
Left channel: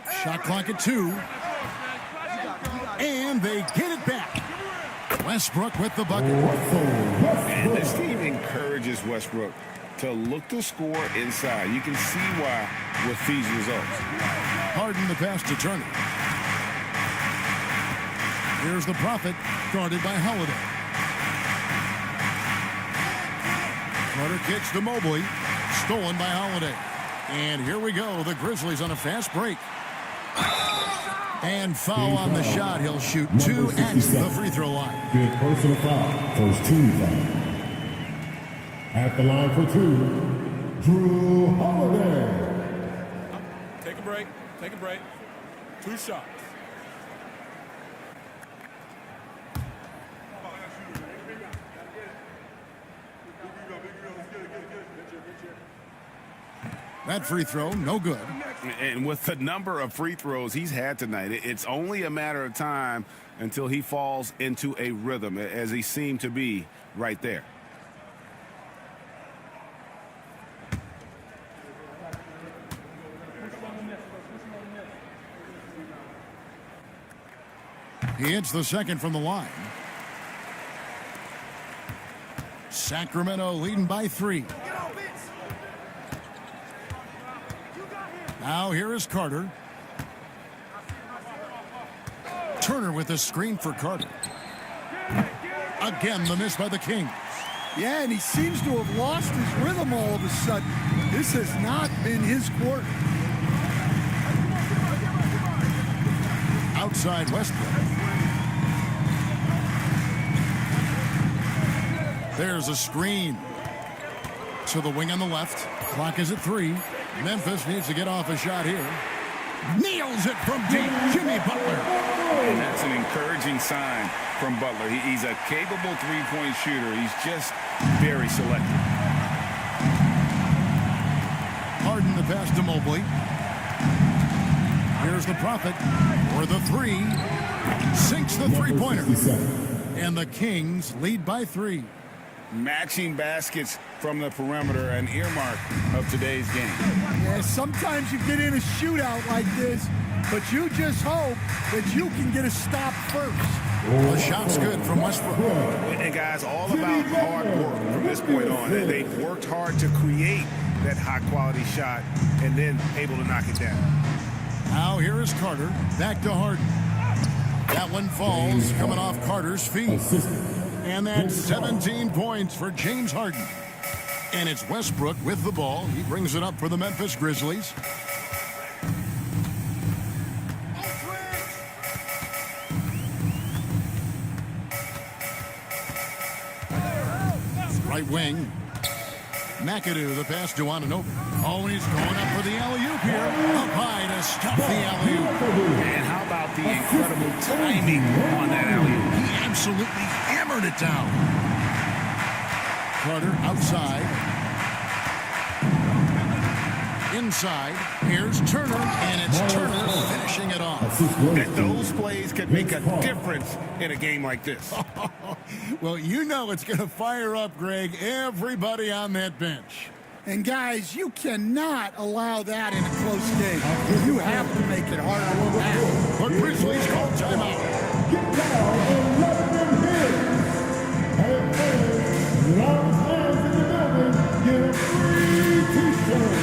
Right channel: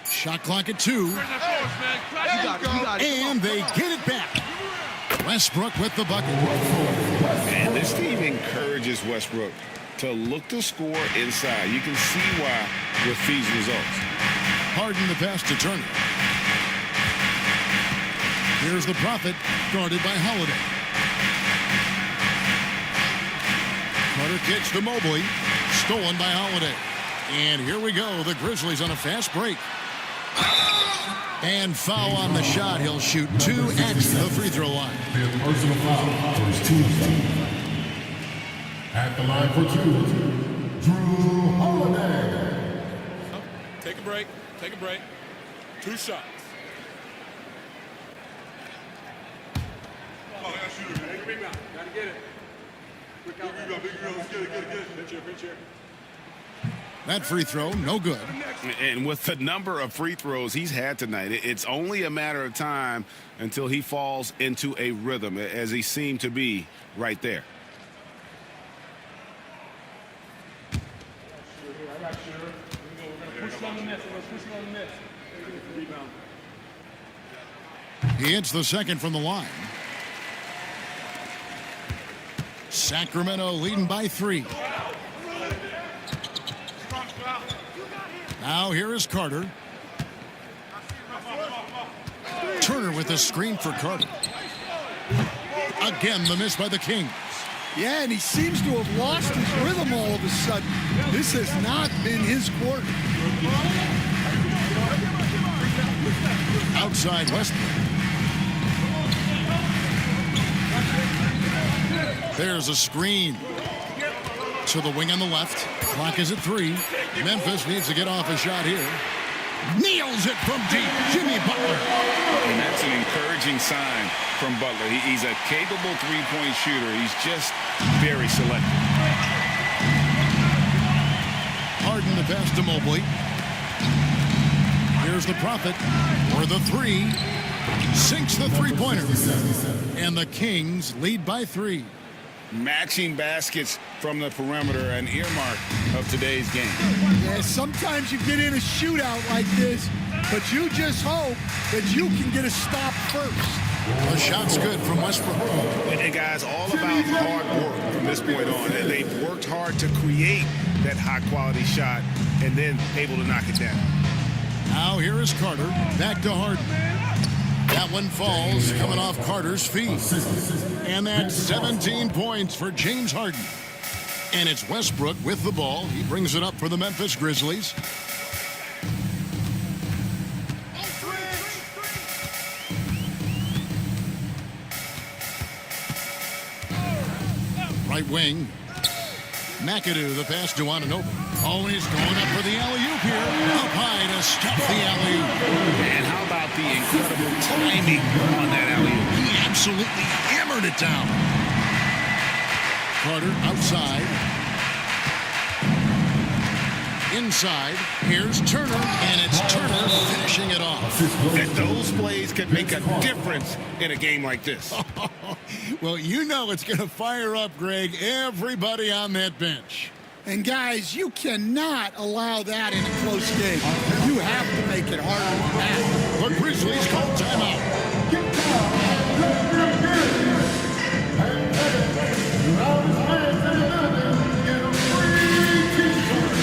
Shot clock at 2. And they get it back. Westbrook with the bucket. And this team encourages Westbrook to look to score inside. You can see why with these results. Harden the pass to Turner. Here's the Prophet, guarded by Holiday. Carter kicks to Mobley, stolen by Holiday. And here we go, the Grizzlies on a fast break. And foul on the shot. He'll shoot 2 at the free throw line. Fifth personal foul. First team foul. At the line for 2, Drew Holiday. Take a break. Take a break. 2 shots. That free throw, no good. And with the number of free throws he's had tonight, it's only a matter of time until he falls into a rhythm, as he seemed to be right there. He hits the second from the line. Sacramento leading by 3. Now here is Carter. Turner with a screen for Carter. Again, the miss by the Kings. Yeah, and he seems to have lost his rhythm all of a sudden. This has not been his quarter. Outside Westbrook. There's a screen to the wing on the left. Clock is at 3. Memphis needs to get off a shot here. Nails it from deep. Jimmy Butler. And that's an encouraging sign from Butler. He's a capable three-point shooter. He's just very selective. Harden the pass to Mobley. Here's the Prophet for the 3. Sinks the three-pointer. And the Kings lead by 3. Matching baskets from the perimeter, an earmark of today's game. Yeah, sometimes you get in a shootout like this, but you just hope that you can get a stop first. The shot's good from Westbrook. And guys, all about hard work from this point on. They've worked hard to create that high-quality shot and then able to knock it down. Now here is Carter. Back to Harden. That one falls, coming off Carter's feet. And that's 17 points for James Harden. And it's Westbrook with the ball. He brings it up for the Memphis Grizzlies. Right wing. McAdoo, the pass to Anunoby. Oh, he's going up for the alley-oop here. Up high to stuff the alley-oop. And how about the incredible timing on that alley-oop? He absolutely hammered it down. Carter outside. Inside. Here's Turner, and it's Turner finishing it off. And those plays could make a difference in a game like this. Well, you know it's going to fire up, Greg, everybody on that bench. And guys, you cannot allow that in a close game. You have to make it harder than that. The Grizzlies call timeout. Get down and let them hear it. And fans, loudest fans in the building, get a free t-shirt.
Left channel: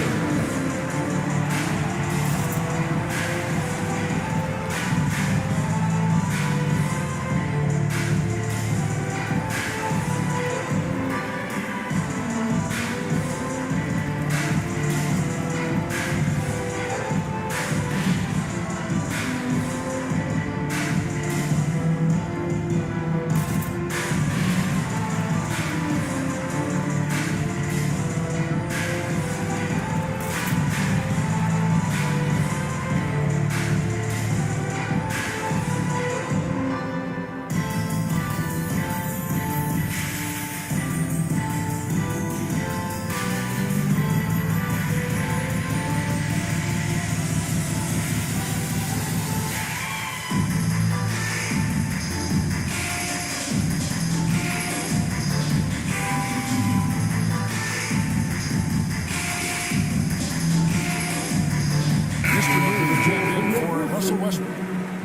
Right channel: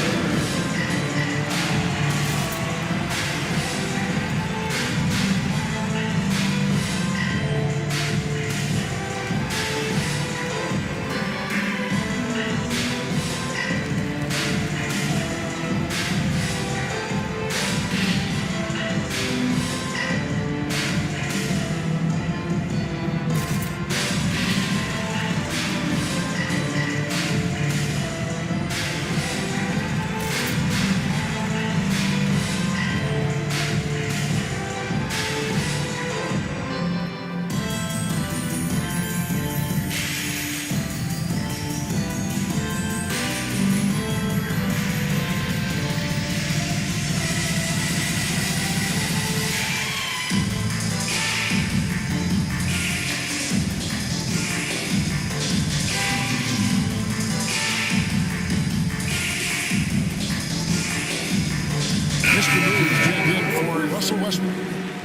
Mr. Moves checked in for Russell Westbrook.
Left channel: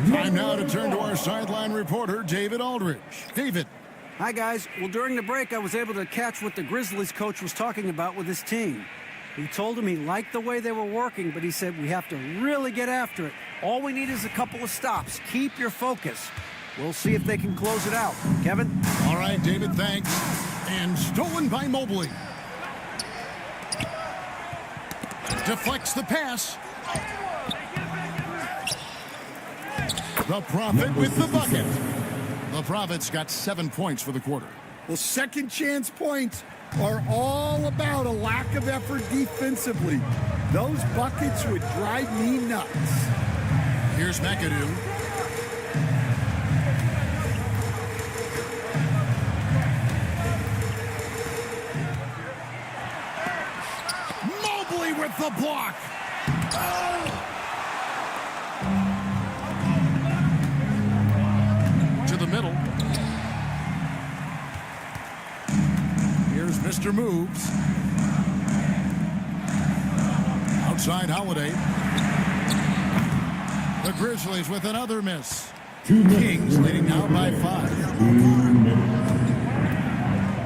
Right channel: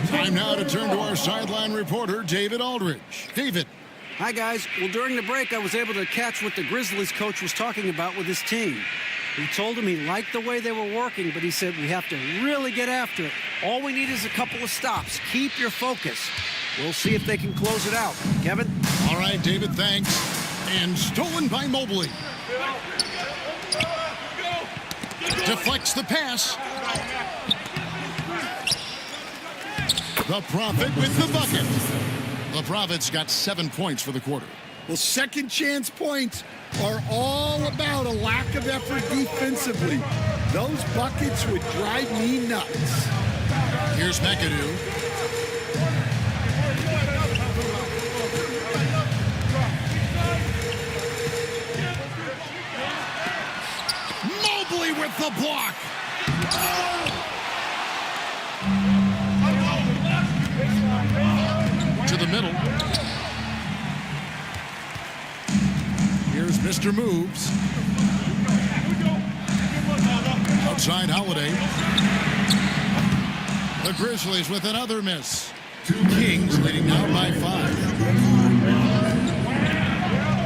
Time now to turn to our sideline reporter, David Aldridge. David. Hi, guys. Well, during the break, I was able to catch what the Grizzlies coach was talking about with his team. He told him he liked the way they were working, but he said we have to really get after it. All we need is a couple of stops. Keep your focus. We'll see if they can close it out. Kevin? All right, David, thanks. And stolen by Mobley. Deflects the pass. The Prophet with the bucket. The Prophet's got 7 points for the quarter. Well, second chance points are all about a lack of effort defensively. Those buckets would drive me nuts. Here's McAdoo. Mobley with the block. To the middle. Here's Mr. Moves. Outside Holiday. The Grizzlies with another miss. Kings leading now by 5.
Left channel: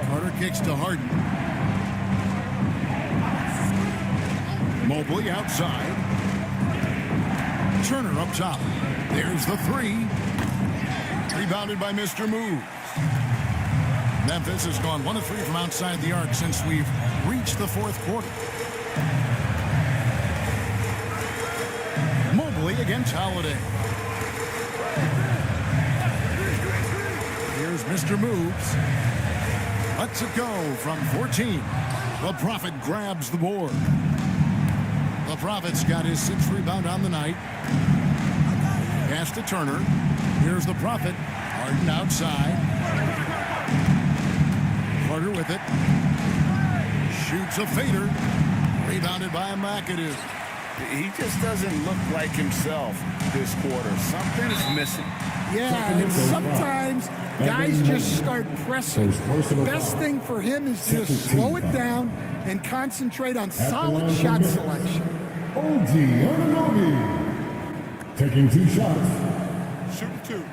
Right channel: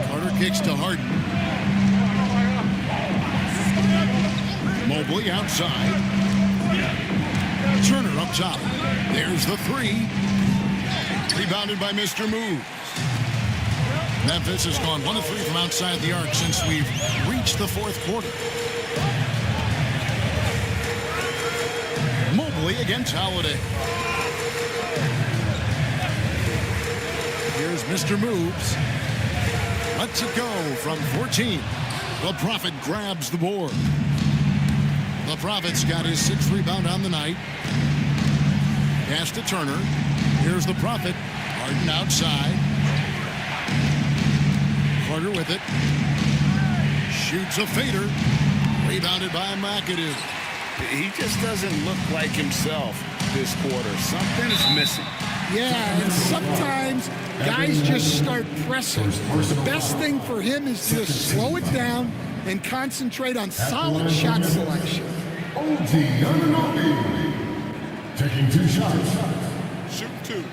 Carter kicks to Harden. Mobley outside. Turner up top. There's the 3. Rebounded by Mr. Moves. Memphis has gone 1 of 3 from outside the arc since we've reached the 4th quarter. Mobley against Holiday. Here's Mr. Moves. Lets it go from 14. The Prophet grabs the board. The Prophet's got his 6th rebound on the night. Pass to Turner. Here's the Prophet. Harden outside. Carter with it. Shoots a fader. Rebounded by McAdoo. He just doesn't look like himself this quarter. Something is missing. Yeah, and sometimes guys just start pressing. The best thing for him is to just slow it down and concentrate on solid shot selection. OG Anunoby taking 2 shots. Shooting 2.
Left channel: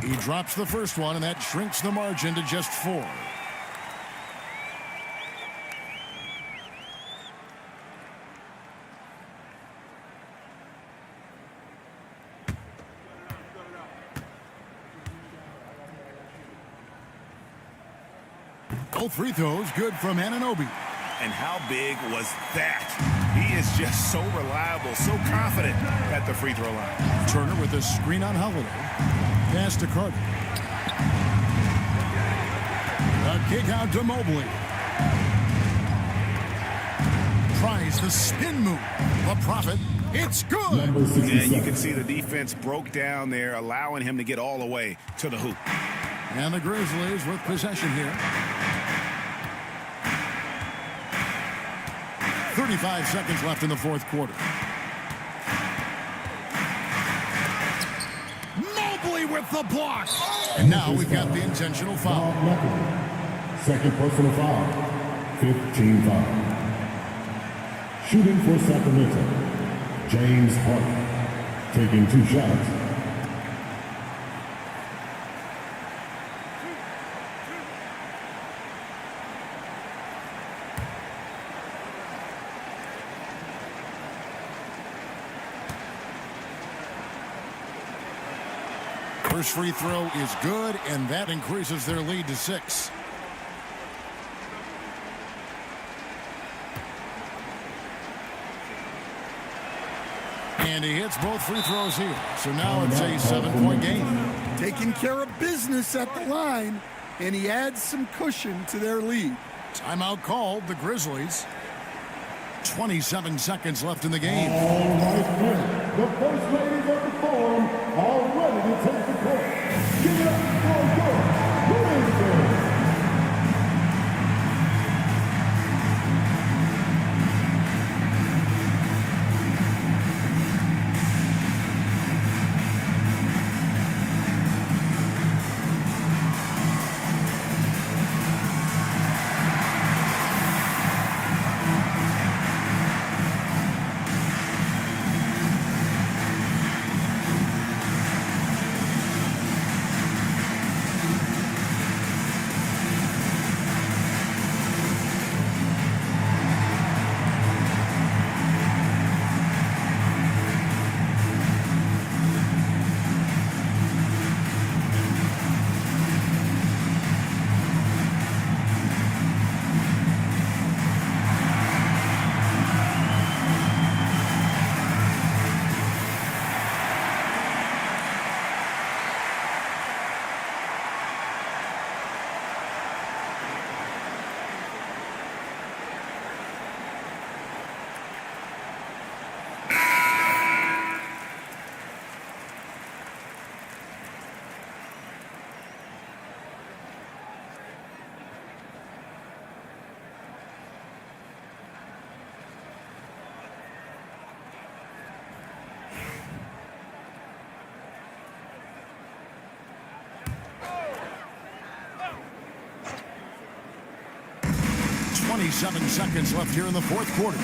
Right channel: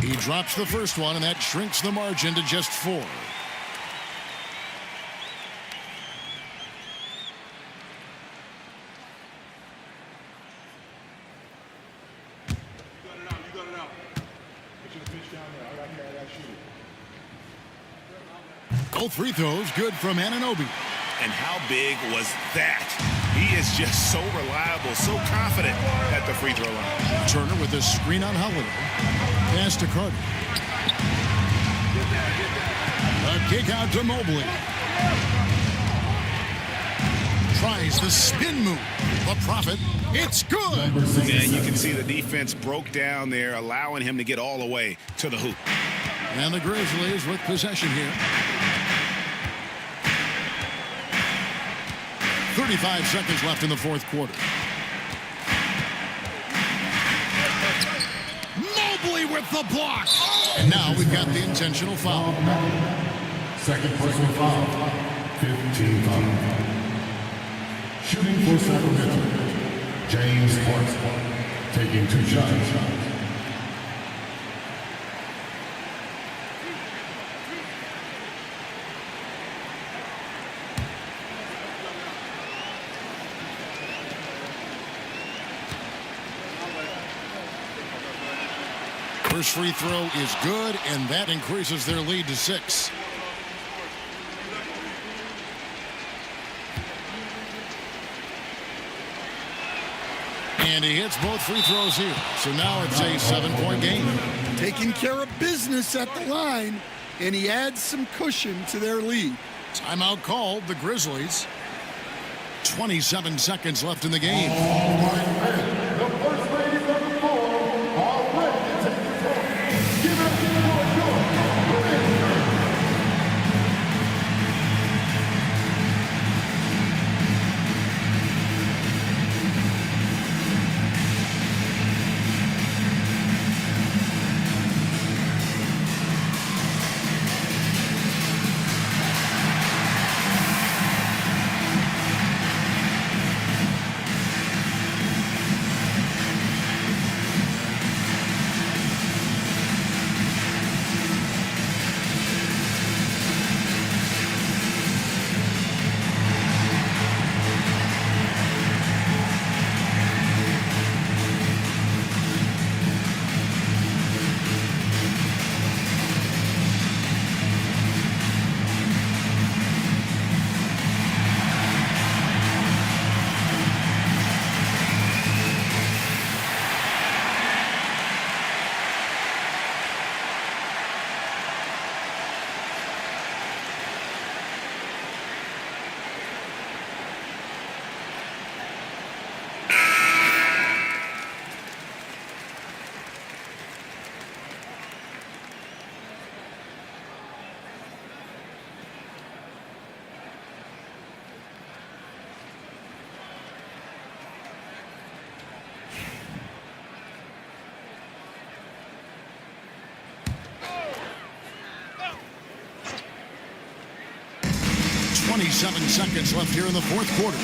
He drops the first one, and that shrinks the margin to just 4. Both free throws good from Anunoby. And how big was that? He is just so reliable, so confident at the free throw line. Turner with a screen on Holiday. Pass to Carter. A kick out to Mobley. Tries the spin move. The Prophet. It's good. Yeah, you can see the defense broke down there, allowing him to get all the way to the hoop. And the Grizzlies with possession here. 35 seconds left in the 4th quarter. Mobley with the block. And now we've got the intentional foul. Second personal foul. 15 foul. Shooting for Sacramento. James Parks taking 2 shots. First free throw is good, and that increases their lead to 6. And he hits both free throws here. So now it's a 7-point game. Taking care of business at the line, and he adds some cushion to their lead. Timeout called, the Grizzlies. 27 seconds left in the game. All right, men. The first ladies of the forum are ready to take the court. Give it up for your Grizzlies. 27 seconds left here in the fourth quarter.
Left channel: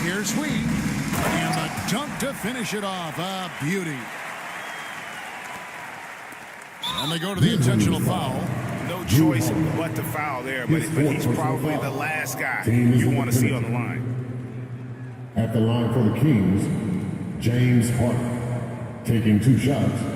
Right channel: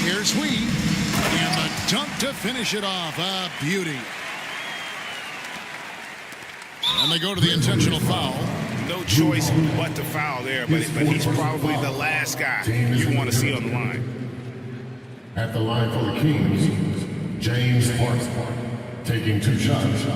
Here's Hui, and the dunk to finish it off. A beauty. And they go to the intentional foul. No choice but to foul there, but he's probably the last guy you want to see on the line. At the line for the Kings, James Parsons, taking 2 shots.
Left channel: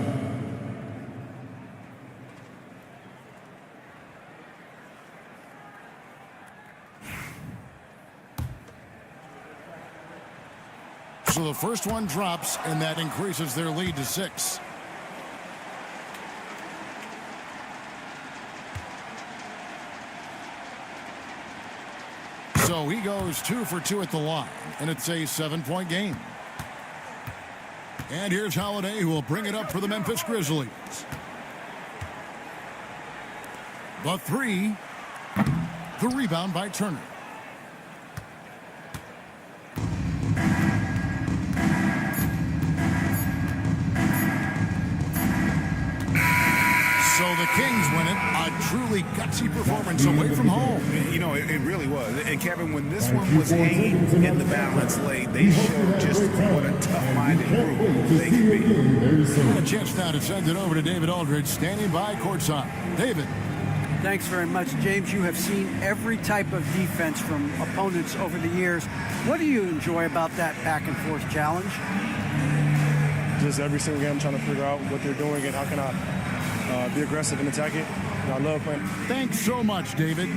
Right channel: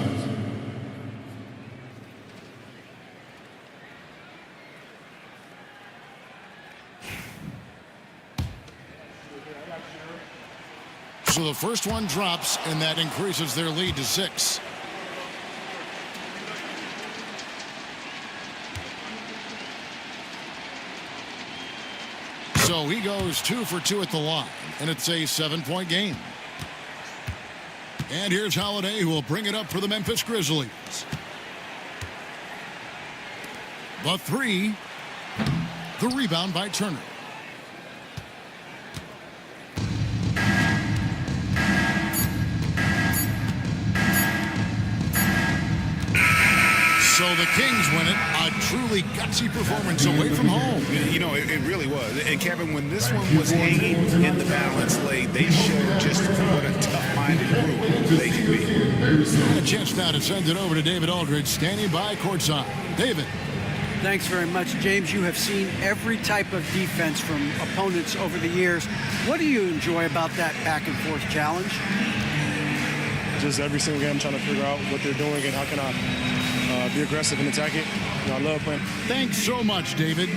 So the first one drops, and that increases their lead to 6. So he goes 2 for 2 at the line, and it's a 7-point game. And here's Holiday, who will bring it up for the Memphis Grizzlies. The 3. The rebound by Turner. So the Kings win it. A truly gutsy performance away from home. You know, it really was. And Kevin, when this one was hanging in the balance late, they showed just what a tough-minded group they can be. And a chance now to send it over to David Aldridge, standing by courtside. David. Thanks very much, James. You have seen every type of defense from opponents over the years. What do you enjoy about that back-and-forth challenge? Just every single game I'm trying to figure out what they're doing and how can I be aggressive and attack it. You know, I love playing. Thanks so much, David.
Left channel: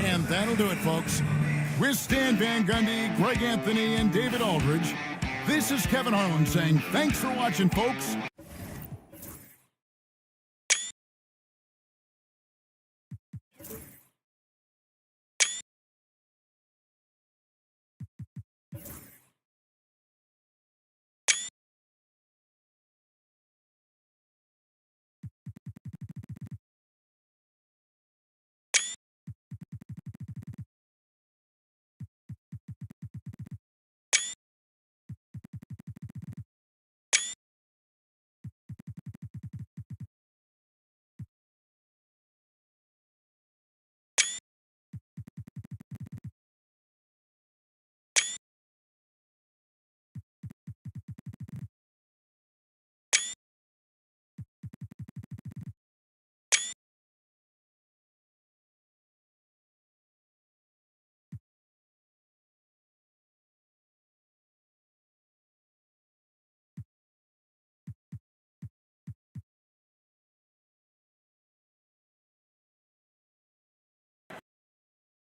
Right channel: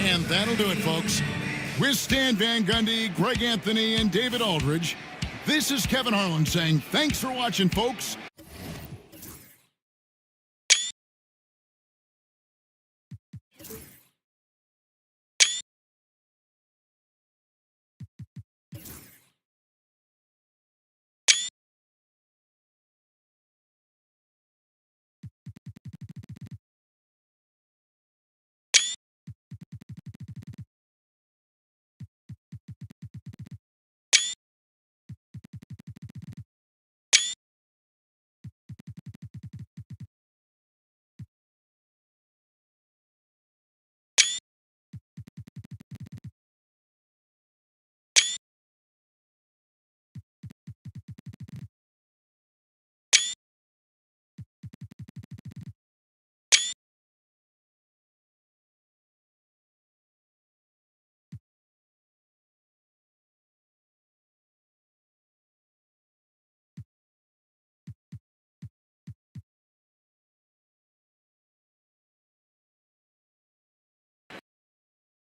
And that'll do it, folks. With Stan Van Gundy, Greg Anthony, and David Aldridge, this is Kevin Harlan saying thanks for watching, folks.